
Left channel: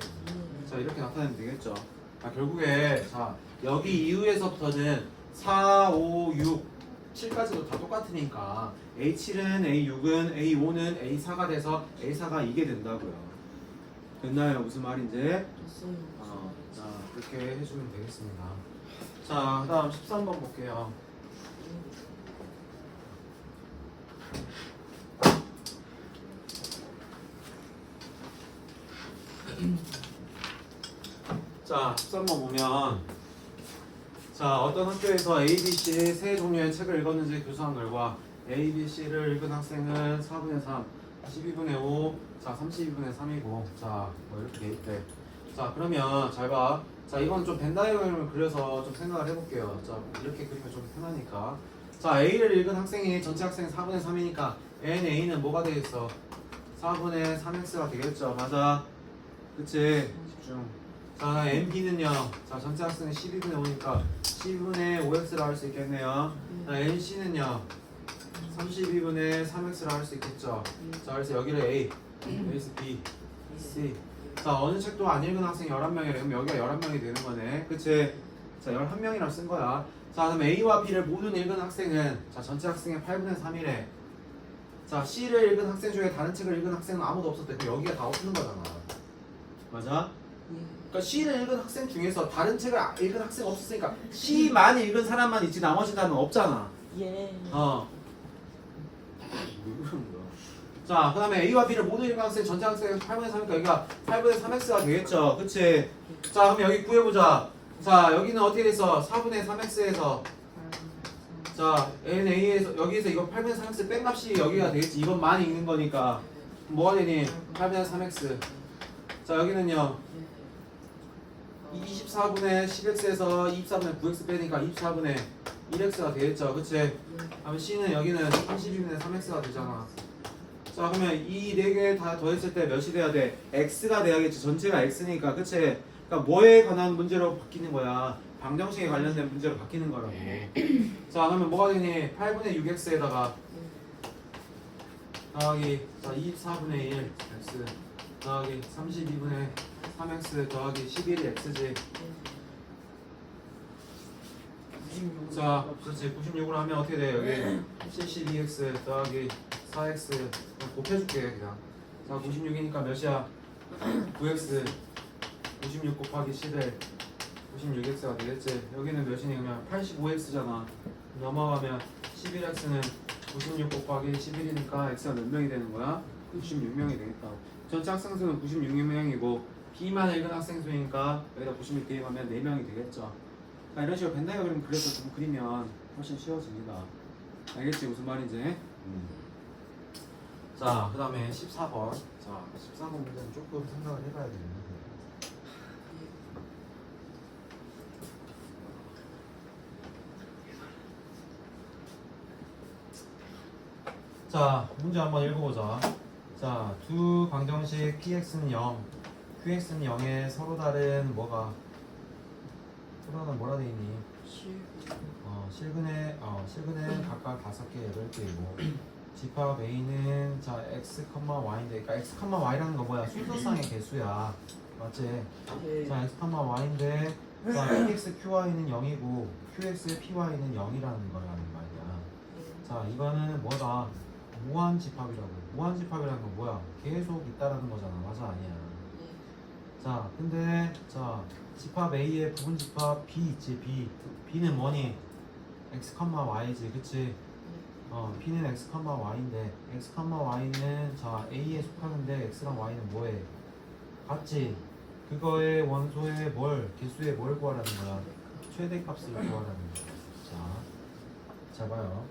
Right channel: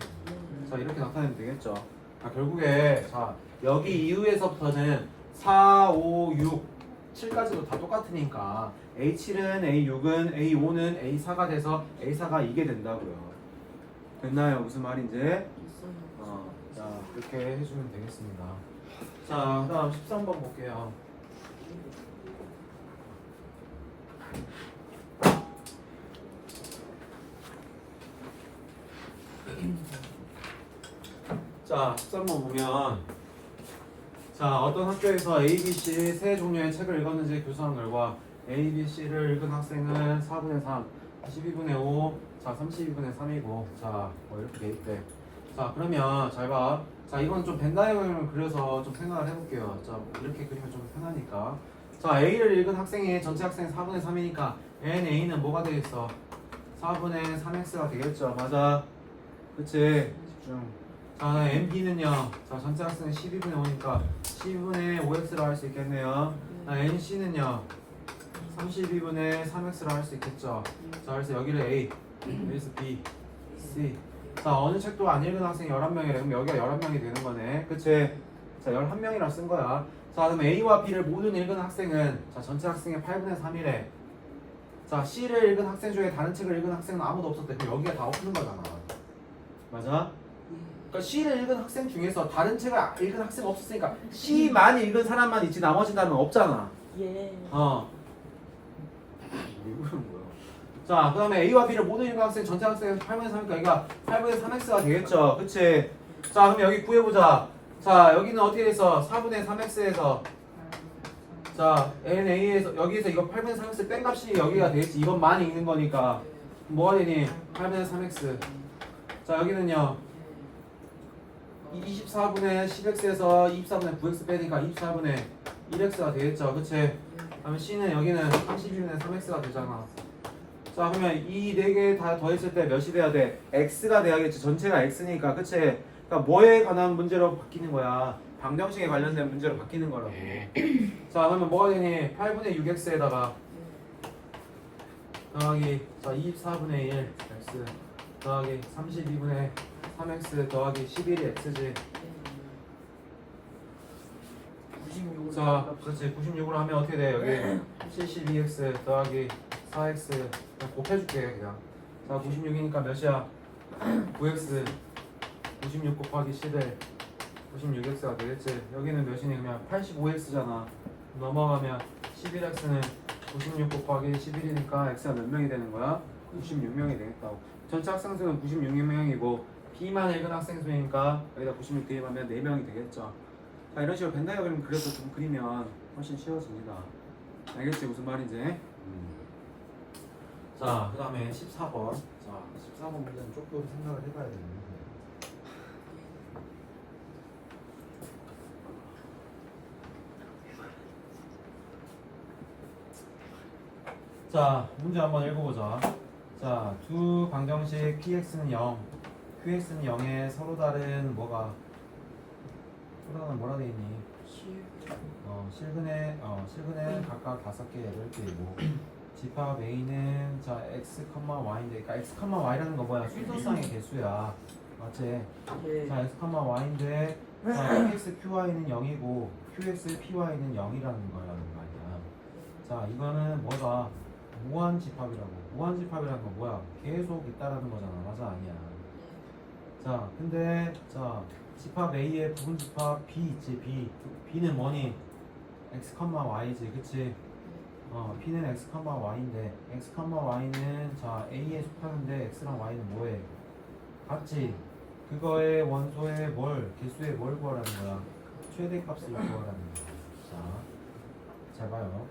자 이렇게 나타내면 되겠죠. 자 결국에 자 여기 이후에서부터는 4, 5, 6, 7까지도 다 똑같으니까 A7은 A6은 A5는 A4가 돼서 A4가 이게 된다고요. 됐나요? 무슨 말인지? 자 그렇게 해주면 되겠습니다. 자 그다음 13번 볼게요. 자 13번 보면 자 어떤 학교에서 A, B, C 세 종류의 책을 읽었는지 교수한 결과 A, B, C를 읽은 학생은 4분의 3, 12분의 5, 자 32분의 3이고 자 뭐 이렇게 돼 있대. 자 그러면 잘 봐. 자 이건 좀 벤다이어그램을 그려서 좀 생각을 해볼게요. 자 이렇게 그리면 좀 편하니까. 자 A를 읽은 학생이 전체 학생이 4분의 3이니까 NA는 뭐가 되겠어? 4분의 3x가 되겠죠. 맞아. 그치? 집중. 자 NB는요. 자 전체 학생은 12분의 5니까 12분의 5x라 할 수 있겠네요. 자 NC는요. 32분의 3x라 할 수 있겠죠. 자 그래서 여기를 A, 여기서 B, C. 자 어느 책도 안 읽은 학생이 11명이래. 그럼 여기가 11명이 되는 거네. 그치? 자 11명이라고 쓴 거야. 자 그럼 A와 B를 모두 읽은 학생은 자 전체 학생의 8분의 3이래. 자 C를 읽은 학생 중에 다른 책을 읽은 학생은 아무도 없었대. 그럼 여기가 다 없는 거잖아. 맞아? 그러니까 C를 읽은 학생 중에서 다른 책을 읽은 학생 없었으니까 C만 읽은 사람만 있지 나머지 다는 없잖아. 예. 왜 그러는 거야? 자, 그 다음에 A와 B를 모두 읽은 학생 전체 학생은 8분의 3이니까 여기가 8분의 3x가 되겠죠. 그치? 자, 그럼 여기 구해보자. 자, 여기는 어떻게 돼있어? 4분의 3x에서 자, NA에서 여기에서 이거 8분의 3x 뺀 값이 여기가 되겠지. 이것만 읽는 거니까 뭐가 되니? 8분의 3x. 자, 여기는요 24분의 10x에서 24분의 9x 빼니까 24분의 1x가 되겠죠. 그치? 그러면 C는 여기는 32분의 3x가 되잖아. 자 그러면 이 네 개 다 더했을 때 몇이 돼야 돼? x가 돼야겠지. 전체가 x니까. 그치? 그러니까 뭐에 관한 문제로 바뀌는 거야? 방정식에 관련된 문제로 바뀌는 거라고. 자 그러면 뭐가 되니? 8분의 6x에다가 더하기 자 24분의 1 x 더하기 32분의 3x 더하기 11이 x지. 자, 그렇지. 96으로 하면 어떻게 돼? 여기 72x 더하기 4x 그냥 곱해줄게 그냥. 자, 96이니까 몇이야? 9x 96 곱하기 11 96x가 되겠지. 여기는 몇이니? 그냥 85x잖아. 넘어가면 11x는 96 곱하기 11이니까 x가 몇 명이 되는 거야? 96명이 되겠다. 전체 학생 수는 96명이고 B만 읽은 학생 수니까 여기다 96 대입하면 4명이 되겠죠. 자 이런 식으로 벤다이어그램 그려서 좀 그리면 훨씬 쉬워집니다. 알겠지 무슨 말인지? 자 그 다음에 14번. 자 14번 문제는 조금 생각을 해봐야 되는데. 자 문제 한번 읽어보자. 자 두 방정식 px는 0, qx는 0에 서로 다른 뭐가 서로는 뭐라 되있니? 실근에 각각 5개, 8개이고 집합 a는 자 x, y인데 그러니까 x, y라는 거 뭐야? 순서상의 개수야. 맞지? 자 x, y인데 자 px, qy는 0이고 qx, py는 0이라는 거라는 말이야. 자 이거는 뭐다? 무한 집합이라고. 무한 집합이라는 건 뭐야? 계속 있다라는 거잖아. 맞아 아니야? 자 근데 자 집합 A의 부분 집합 B 있지. B는 뭐니? x, y지 그치? P는 x, y인데 x, y는 자 A에 속하는데 x랑 y는 뭐해? 같지? 그거의 원소의 개수의 뭘 구하라는 거야? 최대값을 구하라는 거야. 잘 봐요.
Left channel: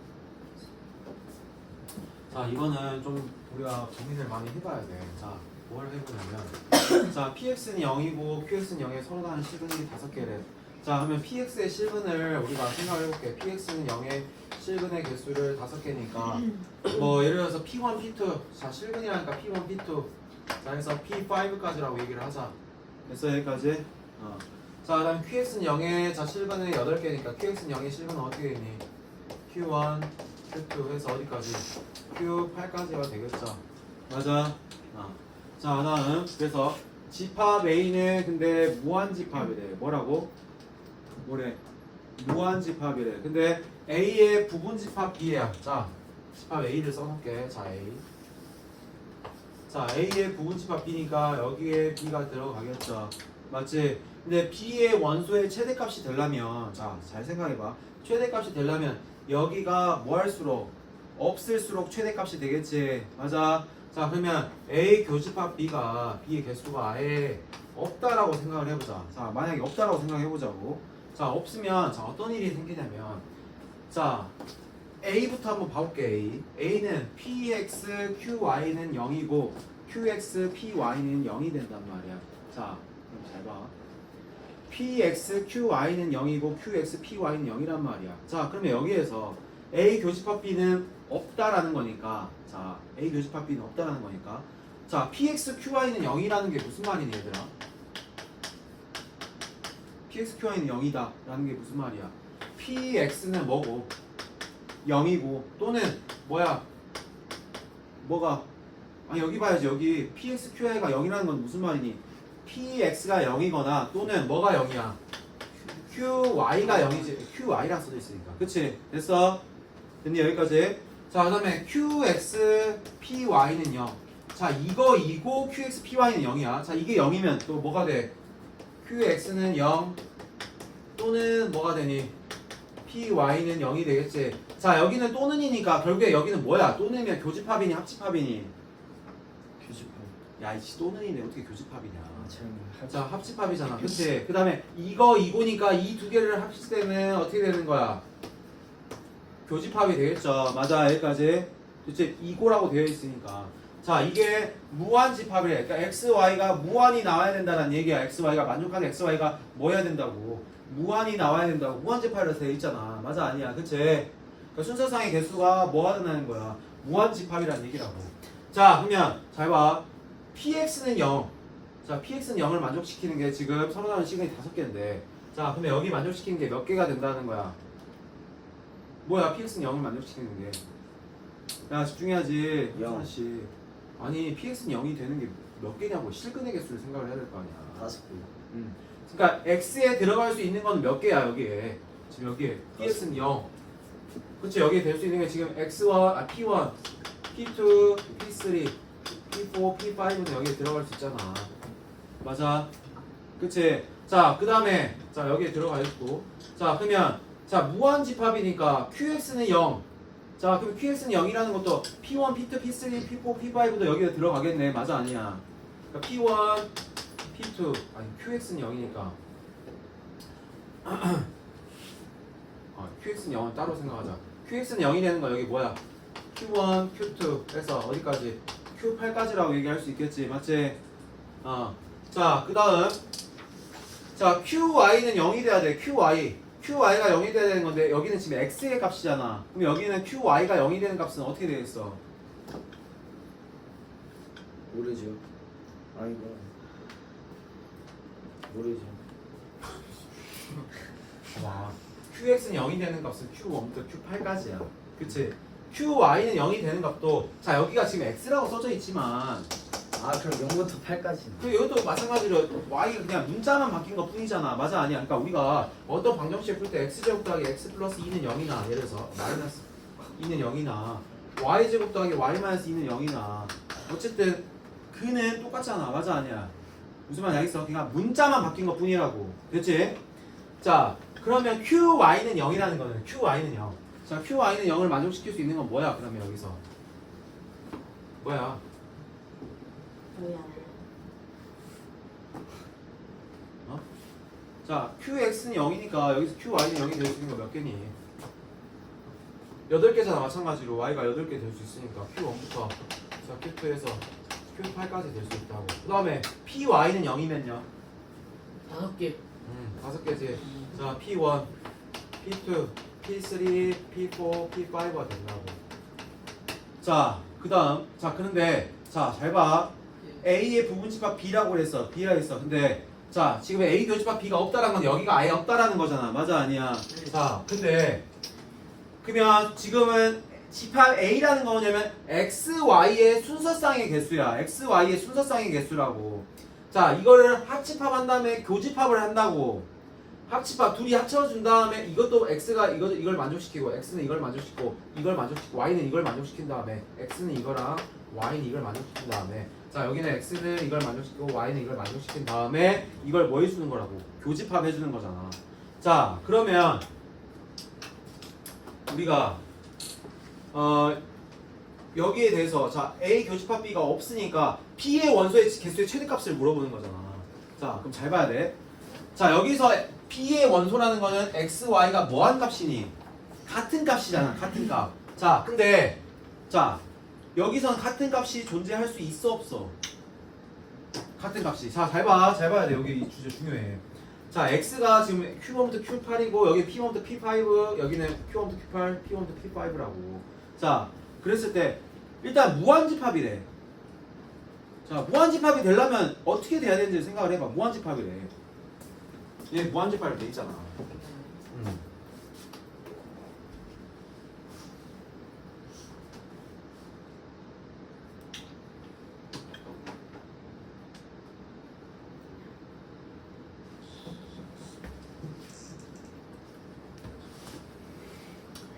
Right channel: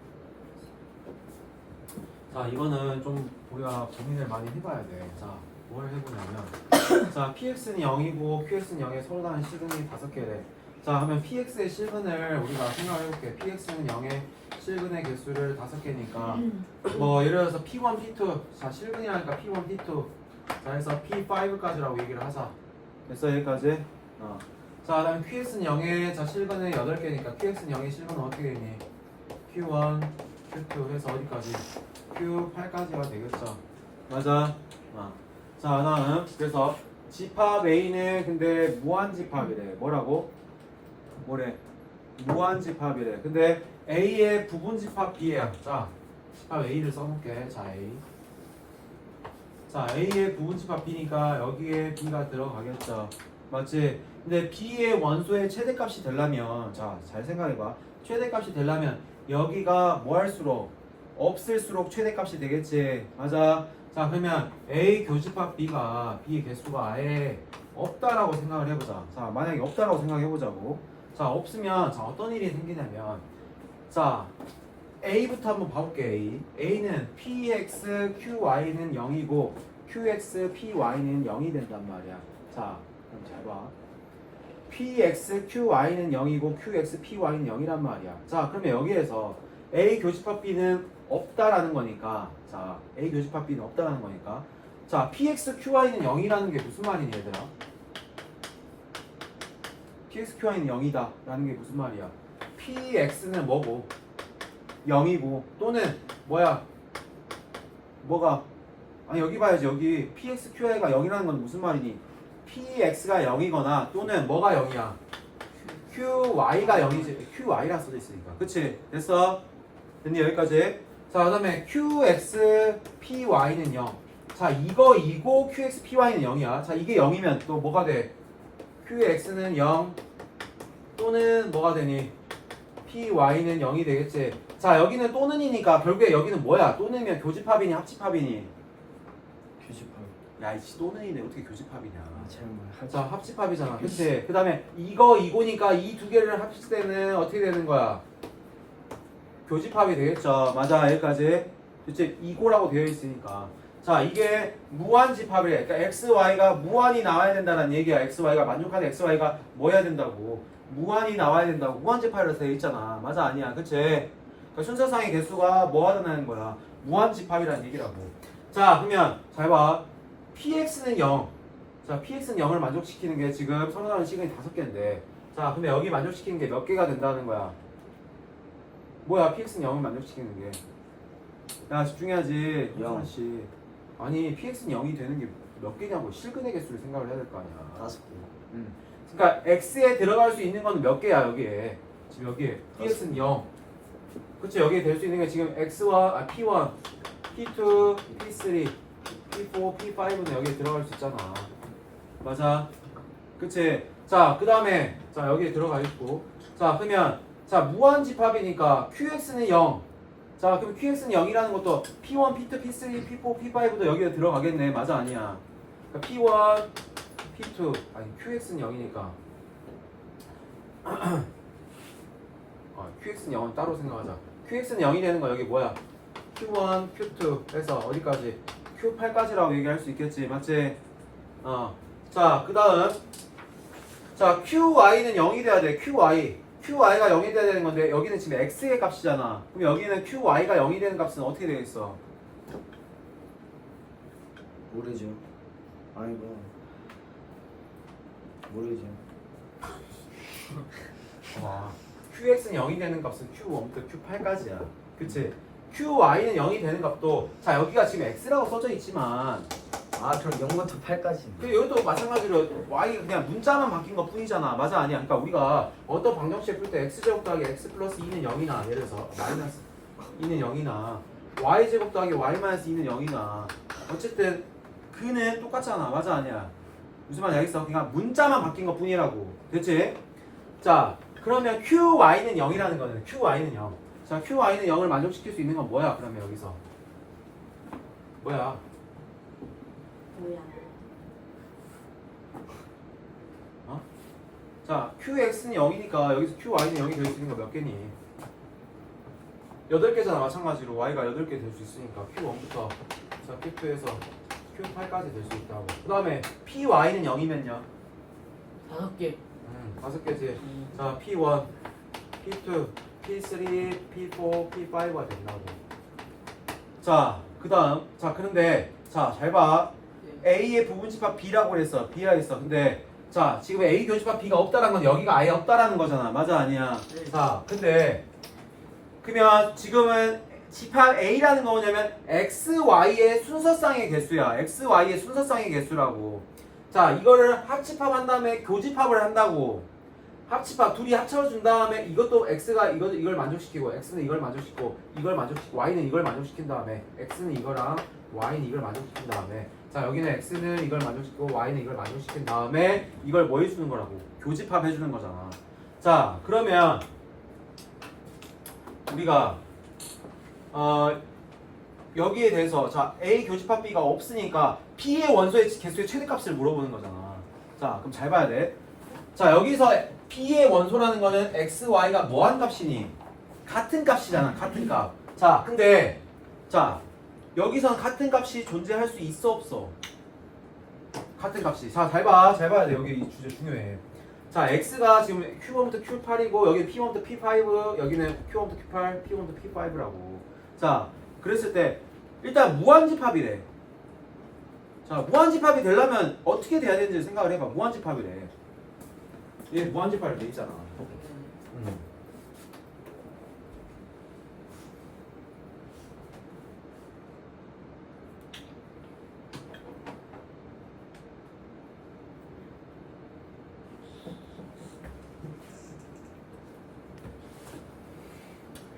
자 이거는 좀 우리가 고민을 많이 해봐야 돼. 자 뭘 해보냐면 자 px는 0이고 qx는 0에 서로 다른 실근이 5개래. 자 그러면 px의 실근을 우리가 생각해볼게. px는 0의 실근의 개수를 5개니까 뭐 예를 들어서 p1, p2 자 실근이라니까 p1, p2 자 해서 p5까지라고 얘기를 하자. 됐어 여기까지? 자 그다음 qx는 0의 자 실근은 8개니까 qx는 0의 실근은 어떻게 되니? q1, q2 해서 어디까지? q8까지가 되겠죠. 맞아? 자 다음 그래서 집합 A는 근데 무한집합이래. 뭐라고? 뭐래? 무한집합이래. 근데 A의 부분집합 B야. 자 집합 A를 써놓을게. 자 A 자 A의 부분집합 B니까 여기에 B가 들어가겠죠. 맞지? 근데 B의 원소의 최대값이 되려면 자 잘 생각해봐. 최대값이 되려면 여기가 뭐 할수록 없을수록 최대값이 되겠지. 맞아? 자 그러면 A 교집합 B가 B의 개수가 아예 없다라고 생각을 해보자. 자 만약에 없다라고 생각해보자고. 자 없으면 자 어떤 일이 생기냐면 자 A부터 한번 봐볼게. A는 PX, QY는 0이고 QX, PY는 0이 된단 말이야. 자 그럼 잘 봐. PX, QY는 0이고 QX, PY는 0이란 말이야. 자 그러면 여기에서 A 교집합 B는 없다라는 거니까 자 A 교집합 B는 없다라는 거니까 자 PX, QY는 0이라는 게 무슨 말이니 얘들아? PX, QY는 0이다 라는 게 무슨 말이야? PX는 뭐고? 0이고 또는 뭐야? 뭐가? 아니 여기 봐야지. 여기 PX, QY가 0이라는 건 무슨 말이니? PX가 0이거나 또는 뭐가 0이야? QY가 0이지. QY라 써져 있으니까. 그치? 됐어? 됐니? 여기까지? 자 그 다음에 QX, PY는 0. 자 이거이고 QX, PY는 0이야. 자 이게 0이면 또 뭐가 돼? QX는 0 또는 뭐가 되니? PY는 0이 되겠지. 자 여기는 또는이니까 결국에 여기는 뭐야? 또는이면 교집합이니 합집합이니? 교집합. 야 이씨 또는이네 어떻게 교집합이냐. 아, 자 합집합이잖아. 그치? 그 다음에 이거니까 이 두 개를 합칠 때는 어떻게 되는 거야? 교집합이 되겠죠. 맞아 여기까지. 그치? 이고라고 되어 있으니까. 자 이게 무한집합이래. 그러니까 XY가 무한이 나와야 된다는 얘기야. XY가 만족하는 XY가 뭐 해야 된다고? 무한이 나와야 된다고. 무한집합이라서 되어 있잖아. 맞아 아니야. 그치? 그러니까 순서상의 개수가 뭐 하다는 거야? 무한집합이라는 얘기라고. 자 그러면 잘 봐. PX는 0. 자 PX는 0을 만족시키는 게 지금 서로 다른 시간이 5개인데 자 그러면 여기 만족시키는 게 몇 개가 된다는 거야? 뭐야 PX는 0을 만족시키는 게? 야 집중해야지. 현수씨. 아니 PX는 0이 되는 게 몇 개냐고. 실근의 개수를 생각을 해야 될 거 아니야. 5개. 그러니까 X에 들어갈 수 있는 건 몇 개야 여기에. 지금 여기에 PX는 0. 그치? 여기에 될 수 있는 게 지금 X1, P1, P2, P3, P4, P5는 여기에 들어갈 수 있잖아. 맞아? 그치? 자 그 다음에 자 여기에 들어가 있고 자 그러면 자 무한집합이니까 QX는 0. 자 그럼 QX는 0이라는 것도 P1, P2, P3, P4, P5도 여기에 들어가겠네. 맞아 아니야? 그러니까 P1, P2 아니 QX는 0이니까 QX는 0은 따로 생각하자. QX는 0이 되는 거 여기 뭐야? Q1, Q2 해서 어디까지? Q8까지라고 얘기할 수 있겠지. 맞지? 자 그 다음 자 QY는 0이 돼야 돼. QY가 0이 돼야 되는 건데 여기는 지금 X의 값이잖아. 그럼 여기는 QY가 0이 되는 값은 어떻게 되겠어? 모르죠. 아니 모르죠. 와, QX는 0이 되는 값은 Q1부터 Q8까지야. 그치? QY는 0이 되는 값도 자 여기가 지금 X라고 써져 있지만 아 그럼 0부터 8까지. 그 여기도 마찬가지로 Y가 그냥 문자만 바뀐 것 뿐이잖아. 맞아 아니야? 그러니까 우리가 어떤 방정식 풀 때 X제곱 더하기 X 플러스 2는 0이나 예를 들어서 마이너스 2는 0이나 Y제곱 더하기 Y 마이너스 2는 0이나 어쨌든 그는 똑같잖아. 맞아 아니야? 무슨 말인지 알겠어? 그냥 문자만 바뀐 것 뿐이라고. 됐지? 자, 그러면 QY는 0이라는 거는 QY는 0. 자, QY는 0을 만족시킬 수 있는 건 뭐야? 그러면 여기서 뭐야? 뭐야? 자, QX는 0이니까 여기서 QY는 0이 될 수 있는 거 몇 개니? 8개잖아. 마찬가지로 Y가 8개 될 수 있으니까 Q1부터 자, Q2에서 Q8까지 될 수 있다고. 그 다음에 PY는 0이면요? 5개. 5개지. 자, P1, P2, P3, P4, P5가 된다고. 자, 그 다음. 자, 그런데 자, 잘 봐. A의 부분집합 B라고 그랬어. B라 했어. 근데 자, 지금 A 교집합 B가 없다라는 건 여기가 아예 없다라는 거잖아. 맞아, 아니야? 자, 근데 그러면 지금은 집합 A라는 거 뭐냐면 X, Y의 순서쌍의 개수야. X, Y의 순서쌍의 개수라고. 자, 이거를 합집합한 다음에 교집합을 한다고. 합집합 둘이 합쳐준 다음에 이것도 X가 이걸 만족시키고 X는 이걸 만족시키고 이걸 만족시키고 Y는 이걸 만족시킨 다음에 X는 이거랑 Y는 이걸 만족시킨 다음에 자, 여기는 X는 이걸 만족시키고 Y는 이걸 만족시킨 다음에 이걸 뭐 해주는 거라고? 교집합 해주는 거잖아. 자, 그러면 우리가 여기에 대해서 자, A 교집합 B가 없으니까 P의 원소의 개수의 최대값을 물어보는 거잖아. 자, 그럼 잘 봐야 돼. 자, 여기서 P의 원소라는 거는 X, Y가 뭐한 값이니? 같은 값이잖아. 같은 값. 자, 근데 자, 여기선 같은 값이 존재할 수 있어 없어? 같은 값이. 자, 잘 봐. 잘 봐야 돼. 여기 이 주제 중요해. 자, X가 지금 Q1부터 Q8이고 여기 P1부터 P5, 여기는 Q1부터 Q8, P1부터 P5라고. 자, 그랬을 때 일단 무한집합이래. 자, 무한집합이 되려면 어떻게 돼야 되는지 생각을 해봐. 무한집합이래. 얘 무한집합이 돼 있잖아.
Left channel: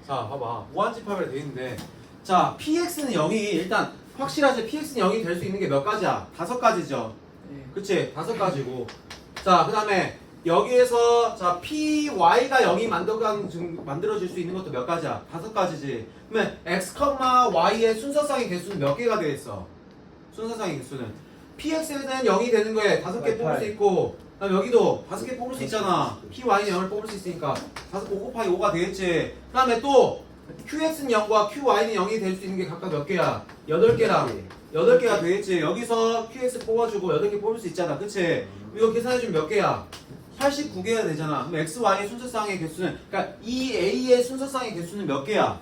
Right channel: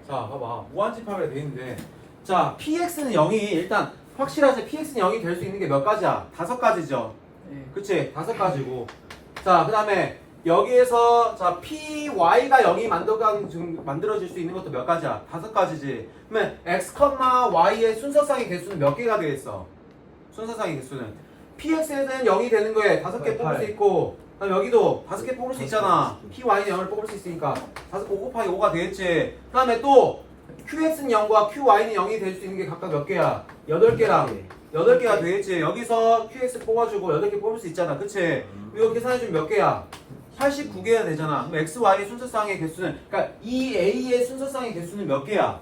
자, 봐봐. 무한집합이라 돼 있는데 자, PX는 0이 일단 확실하지. PX는 0이 될 수 있는 게 몇 가지야? 5가지죠. 네. 그치? 5가지고. 자, 그 다음에 여기에서 자, PY가 0이 만들어질 수 있는 것도 몇 가지야? 5가지지. 그러면 X, Y의 순서쌍의 개수는 몇 개가 되겠어? 순서쌍의 개수는 PX는 0이 되는 거에 5개 뽑을 수 있고, 그다음 여기도 5개 뽑을 수 있잖아. PY는 0을 뽑을 수 있으니까 5 곱하기 5가 되겠지. 그 다음에 또 QX는 0과 QY는 0이 될 수 있는 게 각각 몇 개야? 8개랑 8개가 되겠지. 여기서 QX 뽑아주고 8개 뽑을 수 있잖아. 그치? 이거 계산해주면 몇 개야? 89개가 되잖아. 그럼 XY의 순서쌍의 개수는, 그러니까 이 A의 순서쌍의 개수는 몇 개야?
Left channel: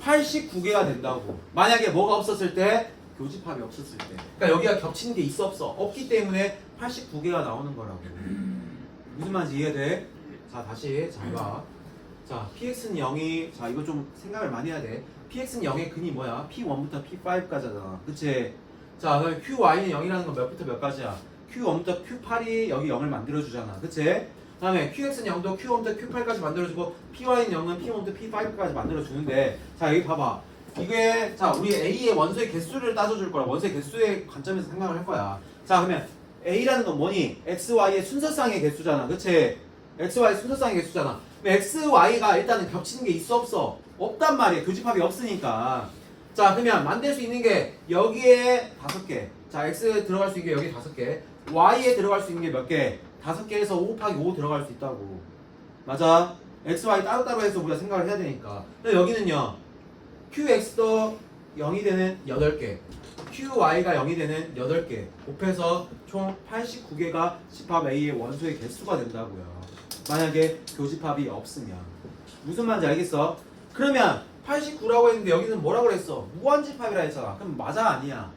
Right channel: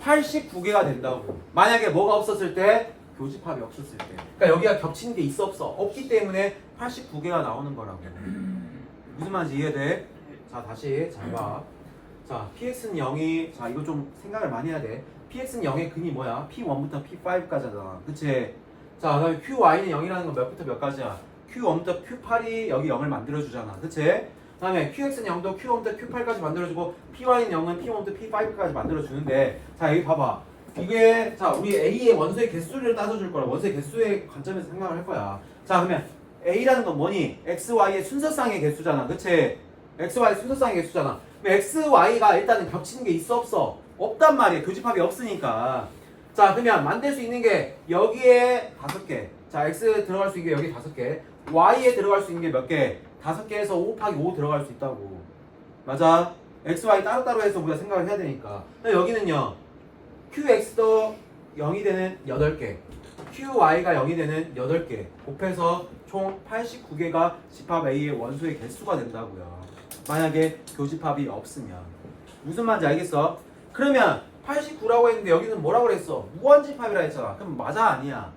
89개가 된다고. 만약에 뭐가 없었을 때? 교집합이 없었을 때. 그러니까 여기가 겹치는 게 있어 없어? 없기 때문에 89개가 나오는 거라고. 무슨 말인지 이해돼? 자, 다시 잘 봐. 자, PX는 0이, 자, 이거 좀 생각을 많이 해야 돼. PX는 0의 근이 뭐야? P1부터 P5까지잖아. 그치? 자, 그다음에 QY는 0이라는 건 몇부터 몇까지야? Q1부터 Q8이 여기 0을 만들어주잖아. 그치? 그 다음에 QX는 0도 Q1부터 Q8까지 만들어주고 Py는 0은 P1부터 P5까지 만들어주는데 자, 여기 봐봐. 이게 자, 우리 A의 원소의 개수를 따져줄 거야. 원소의 개수의 관점에서 생각을 할 거야. 자, 그러면 A라는 건 뭐니? X, Y의 순서쌍의 개수잖아. 그치? X, Y 순서쌍의 개수잖아. 그럼 X, Y가 일단은 겹치는 게 있어 없어? 없단 말이야. 교집합이 없으니까. 자, 그러면 만들 수 있는 게 여기에 5개. 자, X 들어갈 수 있는 게 여기 5개. Y에 들어갈 수 있는 게 몇 개? 5개에서 5 곱하기 5 들어갈 수 있다고. 맞아? X, Y 따로따로 해서 우리가 생각을 해야 되니까. 근데 여기는요. QX도 0이 되는 8개. QY가 0이 되는 8개. 곱해서 총 89개가 집합 A의 원소의 개수가 된다고요. 만약에 교집합이 없으면. 무슨 말인지 알겠어? 그러면 89라고 했는데 여기는 뭐라고 그랬어? 무한집합이라 했잖아. 그럼 맞아, 아니야?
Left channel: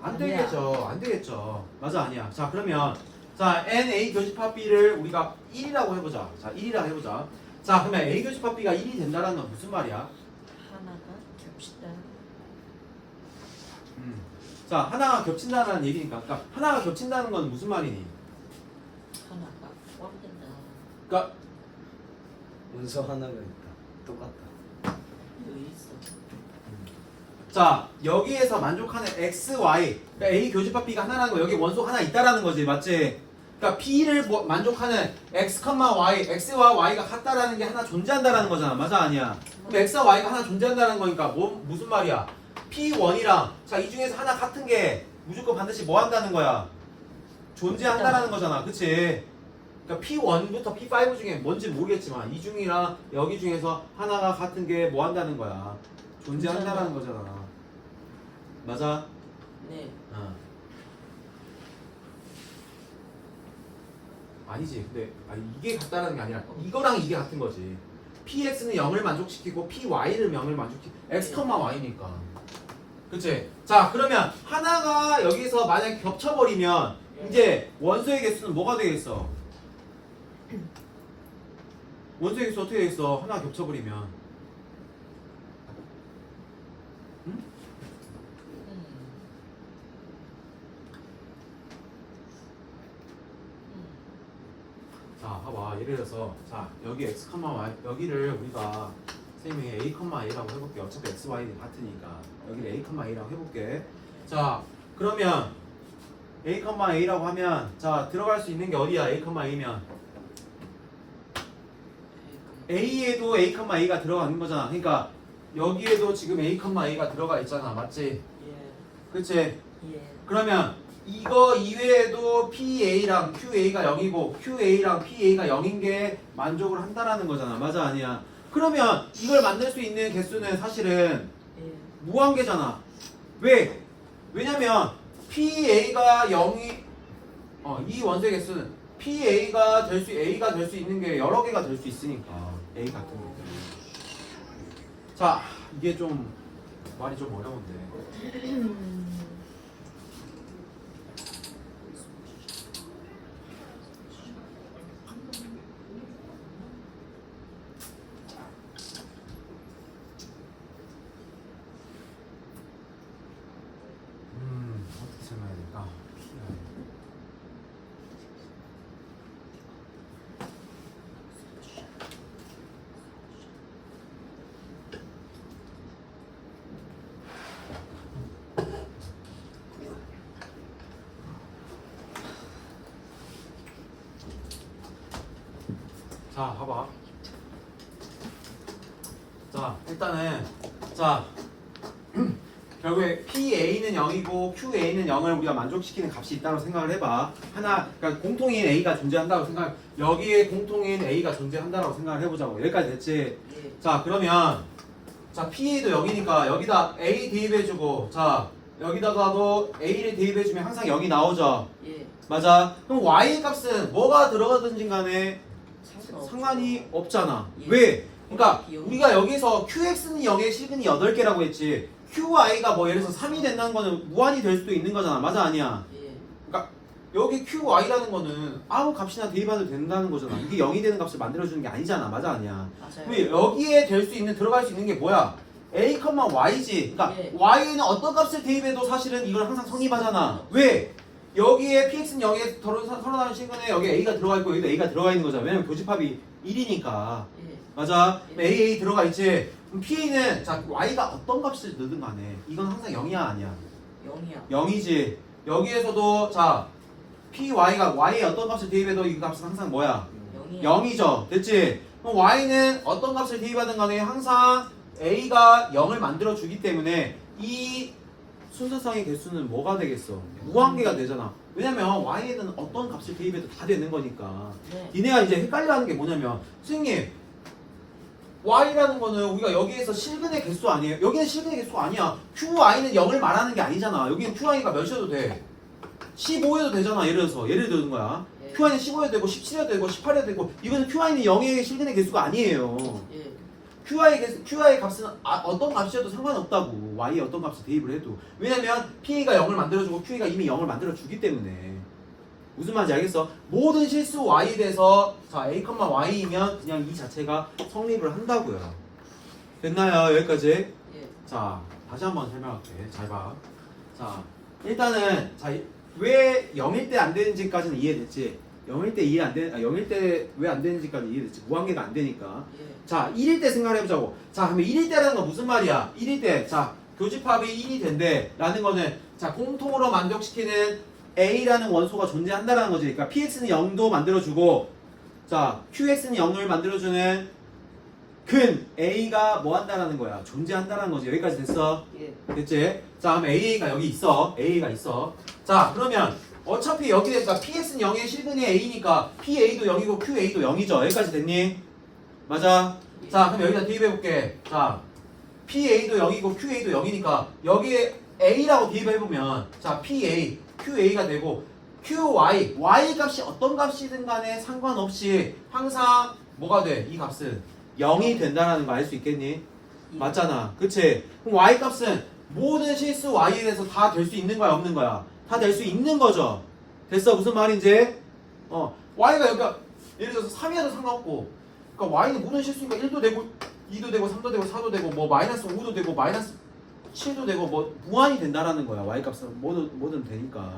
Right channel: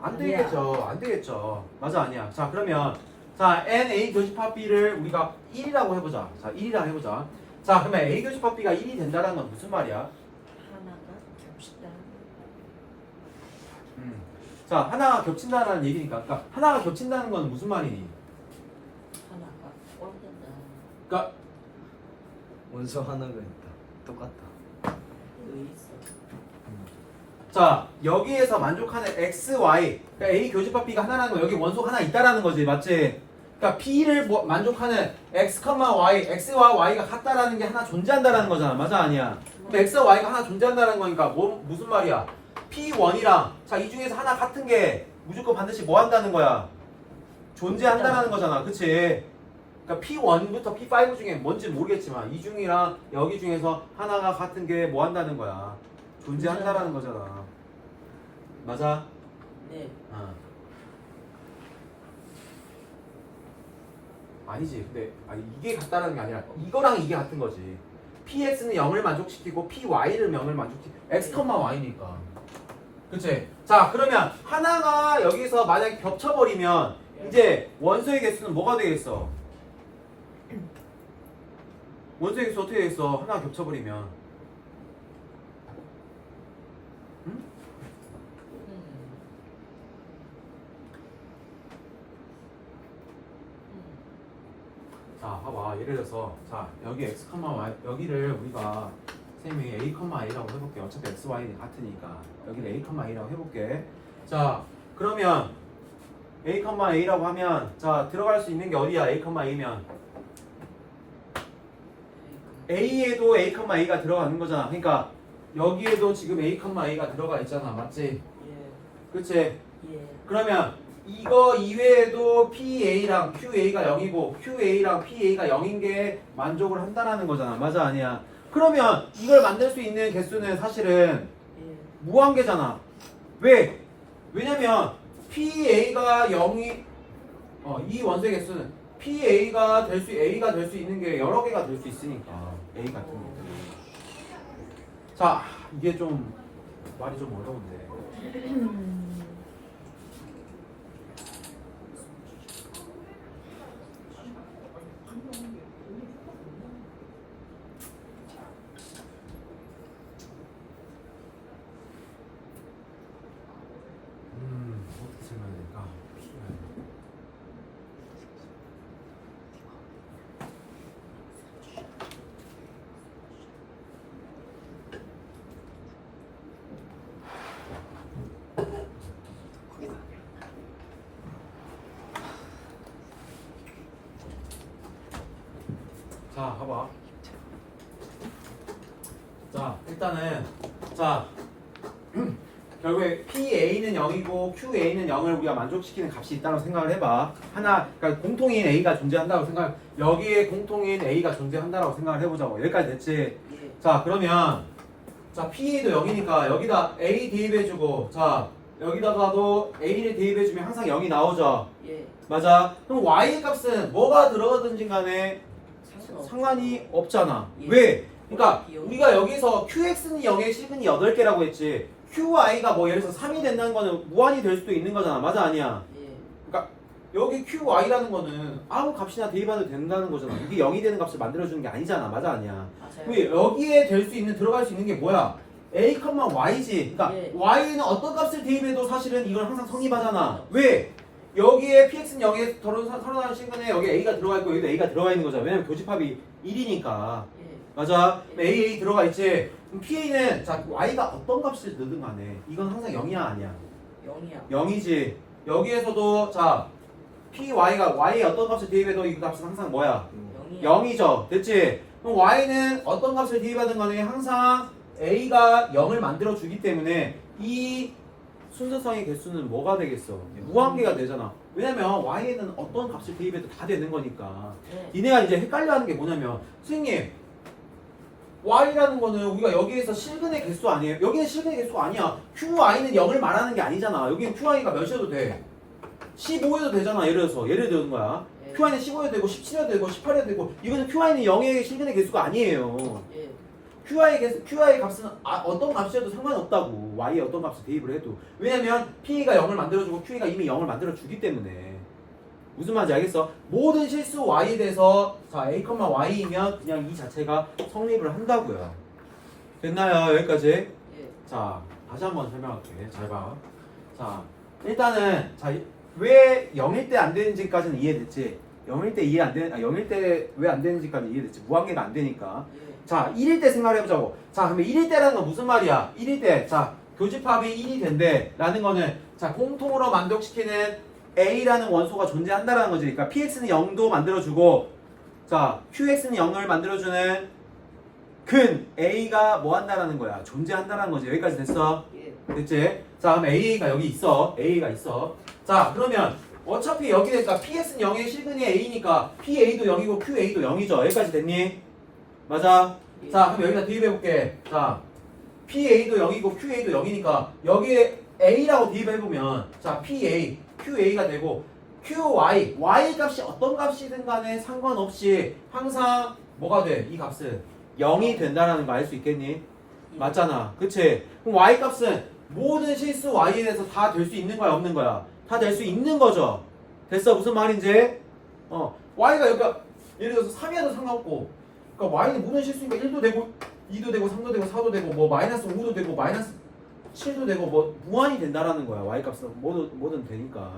안 되겠죠. 안 되겠죠. 맞아, 아니야. 자, 그러면 자, NA 교집합 B를 우리가 1이라고 해보자. 자, 1이라고 해보자. 자, 그러면 A 교집합 B가 1이 된다는 건 무슨 말이야? 하나가 겹친다. 자, 하나가 겹친다는 얘기니까. 그러니까 하나가 겹친다는 건 무슨 말이니? 하나가 꼴된다. 그러니까 원소 하나가 있다. 똑같다. 여기 있어. 자 여기에서 만족하는 x, y 그러니까 a 교집합 b가 하나라는 거 여기 원소 하나 있다라는 거지 맞지? 그러니까 p를 만족하는 x, y, x와 y가 같다라는 게 하나 존재한다라는 거잖아 맞아 아니야? 그럼 x와 y가 하나 존재한다는 거니까 무슨 말이야? p1이랑 자 이 중에서 하나 같은 게 무조건 반드시 뭐 한다는 거야? 존재한다라는 거잖아 그치? 그러니까 P1부터 P5 중에 뭔지 모르겠지만 이 중이랑 여기 중에서 하나가 같은 게 뭐 한다는 거야? 존재한다라는 거잖아. 맞아? 네. 아니지. 근데 이게 같다는 게 아니라 이거랑 이게 같은 거지. PX는 0을 만족시키고 PY를 0을 만족시키고 X, Y니까. 그치? 자 그러면 하나가 여기서 만약에 겹쳐버리면 이제 원소의 개수는 뭐가 되겠어? 원소의 개수 어떻게 되겠어? 하나 겹쳐버리면 응? 자 봐봐 예를 들어서 자 여기 x, y 여기를 우리가 선생님이 a, a라고 해볼게. 어차피 x, y는 같으니까 여기를 a, a라고 해볼게. 자 그러면 a, a라고 하면 자 들어갈 수 있는 게 어디야? a, a면 a에도 a, a가 들어가는 거잖아. 그러니까 여기에도 지금 a, a가 들어가 있잖아. 맞지? 예. 그치? 예. 그러면 이거 이외에도 PA랑 QA가 0이고 QA랑 PA가 0인 게 만족을 한다라는 거잖아. 맞아 아니야? 그러면 이걸 만들 수 있는 개수는 사실은 예. 무한계잖아. 왜? 왜냐면 PA가 0이 이 원소의 개수는 PA가 될 수 A가 될 수 있는 게 여러 개가 될 수 있으니까 A 같은 것들이. 자 이게 좀 말이 좀 어려운데. 어떻게 설명해야 될까? 자, 봐봐. 자, 일단은 자 결국에 PA는 0이고 QA는 0을 우리가 만족시키는 값이 있다고 생각을 해봐. 하나, 그러니까 공통인 A가 존재한다고 생각. 여기에 공통인 A가 존재한다고 생각을 해보자고. 여기까지 됐지? 예. 자, 그러면 자 PA도 0이니까 여기다 A 대입해주고, 자 여기다가도 A를 대입해주면 항상 0이 나오죠. 예. 맞아. 그럼 Y 값은 뭐가 들어가든지 간에 상관이 없잖아. 예. 왜? 그러니까 우리가 여기서 QX는 0에 시근이 8개라고 했지. QI가 뭐 예를 들어서 3이 된다는 거는 무한이 될 수도 있는 거잖아. 맞아 아니야? 예. 그러니까 여기 QI라는 거는 아무 값이나 대입해도 된다는 거잖아. 이게 0이 되는 값을 만들어주는 게 아니잖아. 맞아 아니야? 맞아요. 왜 여기에 될 수 있는 들어갈 수 있는 게 뭐야? A, Y지. 그러니까 예. Y는 어떤 값을 대입해도 사실은 이걸 항상 성립하잖아. 왜? 여기에 PX는 0에 털어나는 시간에 여기 A가 들어가 있고 여기도 A가 들어가 있는 거잖아. 왜냐면 교집합이 1이니까. 예. 맞아. AA 들어가 있지. 그럼 PA는 자 Y가 어떤 값을 넣든 간에 이건 항상 0이야 아니야? 0이요. 0이지. 여기에서도 자 PY가 Y에 어떤 값을 대입해도 이 값은 항상 뭐야? 0이요. 0이죠. 됐지? 그럼 Y는 어떤 값을 대입하든 간에 항상 A가 0을 만들어 주기 때문에 이 순서상의 개수는 뭐가 되겠어? 무한계가 되잖아. 왜냐면 Y에는 어떤 값을 대입해도 다 되는 거니까. 네. 니네가 이제 헷갈려 하는 게 뭐냐면 선생님 Y라는 거는 우리가 여기에서 실근의 개수 아니에요? 여기는 실근의 개수가 아니야. QI는 0을 말하는 게 아니잖아. 여기는 QI가 몇이어도 돼? 15여도 되잖아. 예를 들는 거야. 예. QI는 15여도 되고 17여도 되고 18여도 되고 이거는 QI는 0의 실근의 개수가 아니에요. 예. QI 값은 어떤 값이어도 상관이 없다고. Y에 어떤 값을 대입을 해도. 왜냐면 PA가 0을 만들어주고 QA가 이미 0을 만들어주기 때문에. 무슨 말인지 알겠어? 모든 실수 Y에 대해서 자 A, Y이면 그냥 이 자체가 성립을 한다고요. 됐나요? 여기까지? 예. 자 다시 한번 설명할게. 잘 봐. 자 일단은 자 왜 0일 때 안 되는지까지는 이해됐지? 0일 때 이해 안 되는 0일 때 왜 안 되는지까지 이해됐지? 무한계가 안 되니까. 예. 자 1일 때 생각을 해보자고. 자 그러면 1일 때라는 건 무슨 말이야? 1일 때 자 교집합이 1이 된대 라는 거는 자 공통으로 만족시키는 A라는 원소가 존재한다라는 거지. 그러니까 PX는 0도 만들어주고 자 QX는 0을 만들어주는 근 A가 뭐 한다라는 거야. 존재한다라는 거지. 여기까지 됐어? 예. 됐지? 자 그럼 A가 여기 있어. A가 있어. 자 그러면 어차피 여기 되니까 PX는 0의 실근이 A니까 PA도 0이고 QA도 0이죠. 여기까지 됐니? 맞아? 자 그럼 여기다 대입해볼게. 자 PA도 0이고 QA도 0이니까 여기에 A라고 대입해보면 자 PA, QA가 되고 QY, Y 값이 어떤 값이든 간에 상관없이 항상 뭐가 돼? 이 값은 0이 된다라는 거 알 수 있겠니? 맞잖아. 그치? 그럼 Y 값은 모든 실수 Y에 대해서 다 될 수 있는 거야 없는 거야? 다 될 수 있는 거죠. 됐어? 무슨 말인지? Y가 여기가 예를 들어서 3이라도 상관없고 그러니까 Y는 모든 실수니까 1도 되고 2도 되고 3도 되고 4도 되고 뭐 마이너스 5도 되고 마이너스 7도 되고 뭐 무한이 된다라는 거야. Y 값은 뭐든 되니까.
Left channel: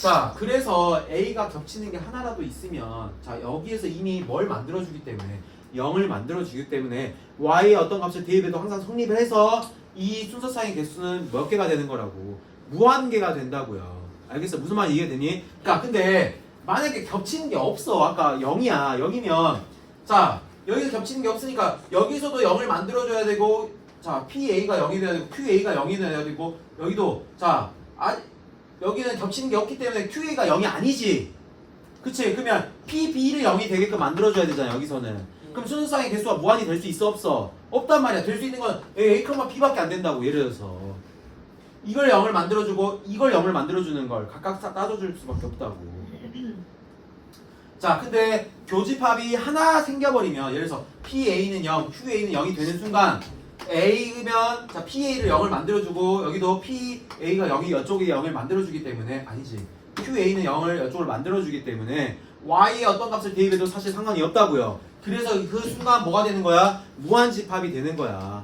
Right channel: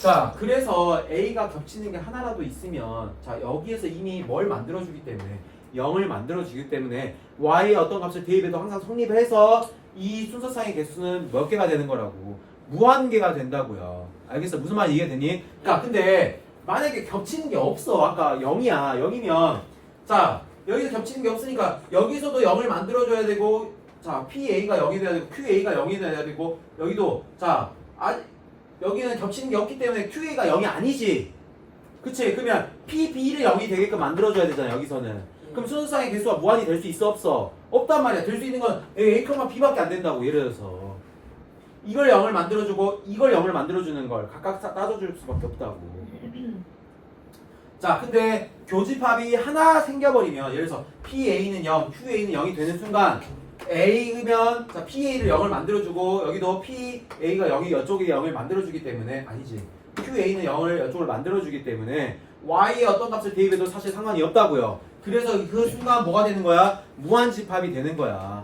자 그래서 A가 겹치는 게 하나라도 있으면 자 여기에서 이미 뭘 만들어주기 때문에 0을 만들어주기 때문에 Y의 어떤 값을 대입해도 항상 성립을 해서 이 순서상의 개수는 몇 개가 되는 거라고 무한개가 된다고요. 알겠어? 무슨 말인지 이해되니? 그러니까 근데 만약에 겹치는 게 없어. 아까 0이야. 0이면 자 여기 겹치는 게 없으니까 여기서도 0을 만들어줘야 되고 자 PA가 0이 돼야 되고 QA가 0이 돼야 되고 여기도 자 여기는 겹치는 게 없기 때문에 QA가 0이 아니지. 그치? 그러면 PB를 0이 되게끔 만들어줘야 되잖아 여기서는. 그럼 순서상의 개수가 무한이 될 수 있어 없어? 없단 말이야. 될 수 있는 건 A, B밖에 안 된다고. 예를 들어서 이걸 0을 만들어주고 이걸 0을 만들어주는 걸 각각 따져줄 수밖에 없다고. 자 근데 교집합이 하나 생겨버리면 예를 들어서 PA는 0, QA는 0이 되는 순간 A면 자 PA를 0을 만들어주고 여기도 PA가 0이 이쪽에 0을 만들어주기 때문에 아니지 QA는 0을 이쪽을 만들어주기 때문에 Y의 어떤 값을 대입해도 사실 상관이 없다고요. 그래서 그 순간 뭐가 되는 거야? 무한집합이 되는 거야.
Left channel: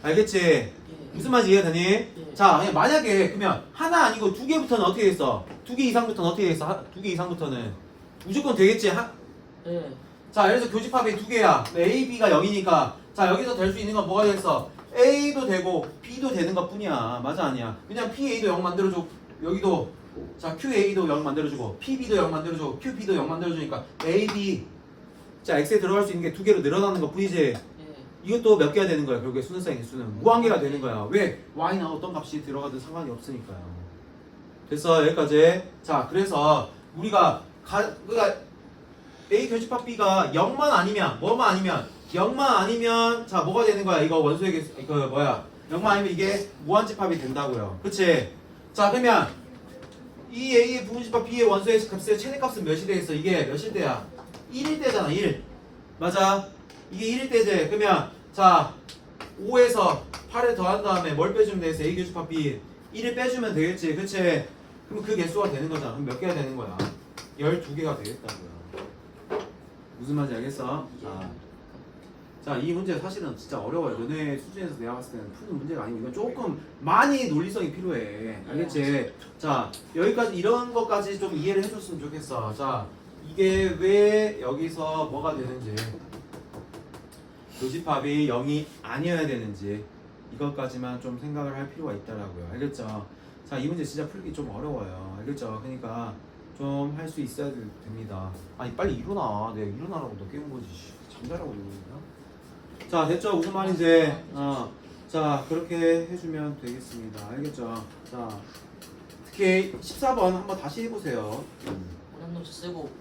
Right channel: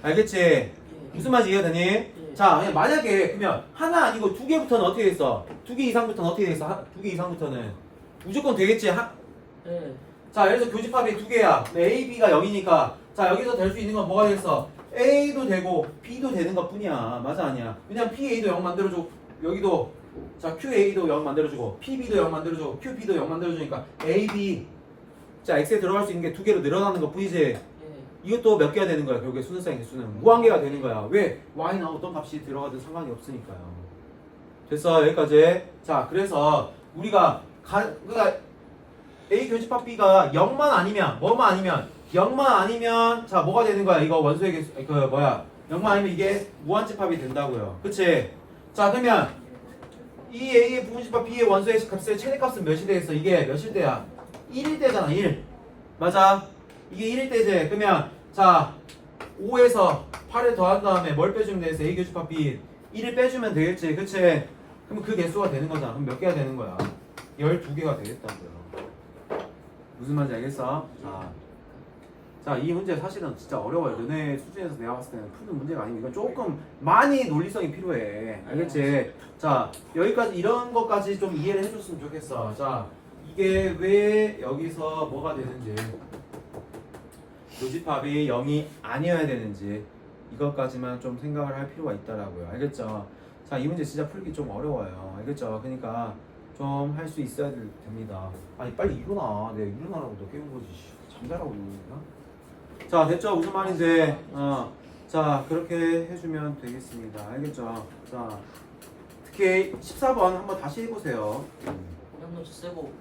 알겠지? 무슨 말인지 이해되니? 자 그냥 만약에 그러면 하나 아니고 두 개부터는 어떻게 됐어? 두 개 이상부터는 어떻게 됐어? 두 개 이상부터는 무조건 되겠지? 자 예를 들어서 교집합이 두 개야. A, B가 0이니까 자 여기서 될 수 있는 건 뭐가 되겠어? A도 되고 B도 되는 것 뿐이야. 맞아 아니야? 그냥 PA도 0 만들어주고 여기도 자 QA도 0 만들어주고 PB도 0 만들어주고 QB도 0 만들어주니까 A, B 자 X에 들어갈 수 있는 게 두 개로 늘어나는 것 뿐이지. 이것도 몇 개가 되는 거야. 결국에 순서상의 개수는 무한개가 되는 거야. 왜? Y나 어떤 값이 들어가든 상관이 없으니까요. 됐어 여기까지. 자 그래서 우리가 그러니까 A 교집합 B가 0만 아니면 뭐만 아니면 0만 아니면 자 뭐가 되는 거야? 이거 원소의 개수 그 뭐야? 0만 아니면 이게 무한집합이 된다고요. 그치? 자 그러면 이 A의 부분집합 B의 원소의 값의 최대값은 몇이 되겠어? 이게 몇일 때야? 1일 때잖아 1. 맞아? 이게 1일 때지. 그러면 자 5에서 8을 더한 다음에 뭘 빼주면 되겠어? A 교집합 B 1을 빼주면 되겠지. 그치? 그럼 그 개수가 되는 거잖아. 그럼 몇 개가 되는 거야? 12개가 되겠다고요. 무슨 말인지 알겠어? 자, 이 문제 사실은 진짜 어려워요. 너네 수준에서 내가 봤을 때는 푸는 문제가 아니고 이건 조금 많이 논리성이 필요해. 알겠지? 자, 여기까지 이런 것까지 좀 이해를 해줬으면 좋겠어. 자, 이게 왜 여기서 뭐가 되는지 교집합이 0이 아니어야 되는지 이것까지만 좀 생각을 할 필요가 있다라고요. 알겠죠? 자, 이 문제 진짜 풀기 좀 어려워요. 알겠죠? 그러니까 좀 할 수 있어야 됩니다. 아니 빨리 일어나. 내가 일어나라고 너 깨운 거지. 잠자라고 이러고 있나? 자 됐죠? 무슨 말인지. 자 그렇게 해주면 되겠습니다. 알겠죠? 자 특히 14번 한번 다시 해보세요. 쓰고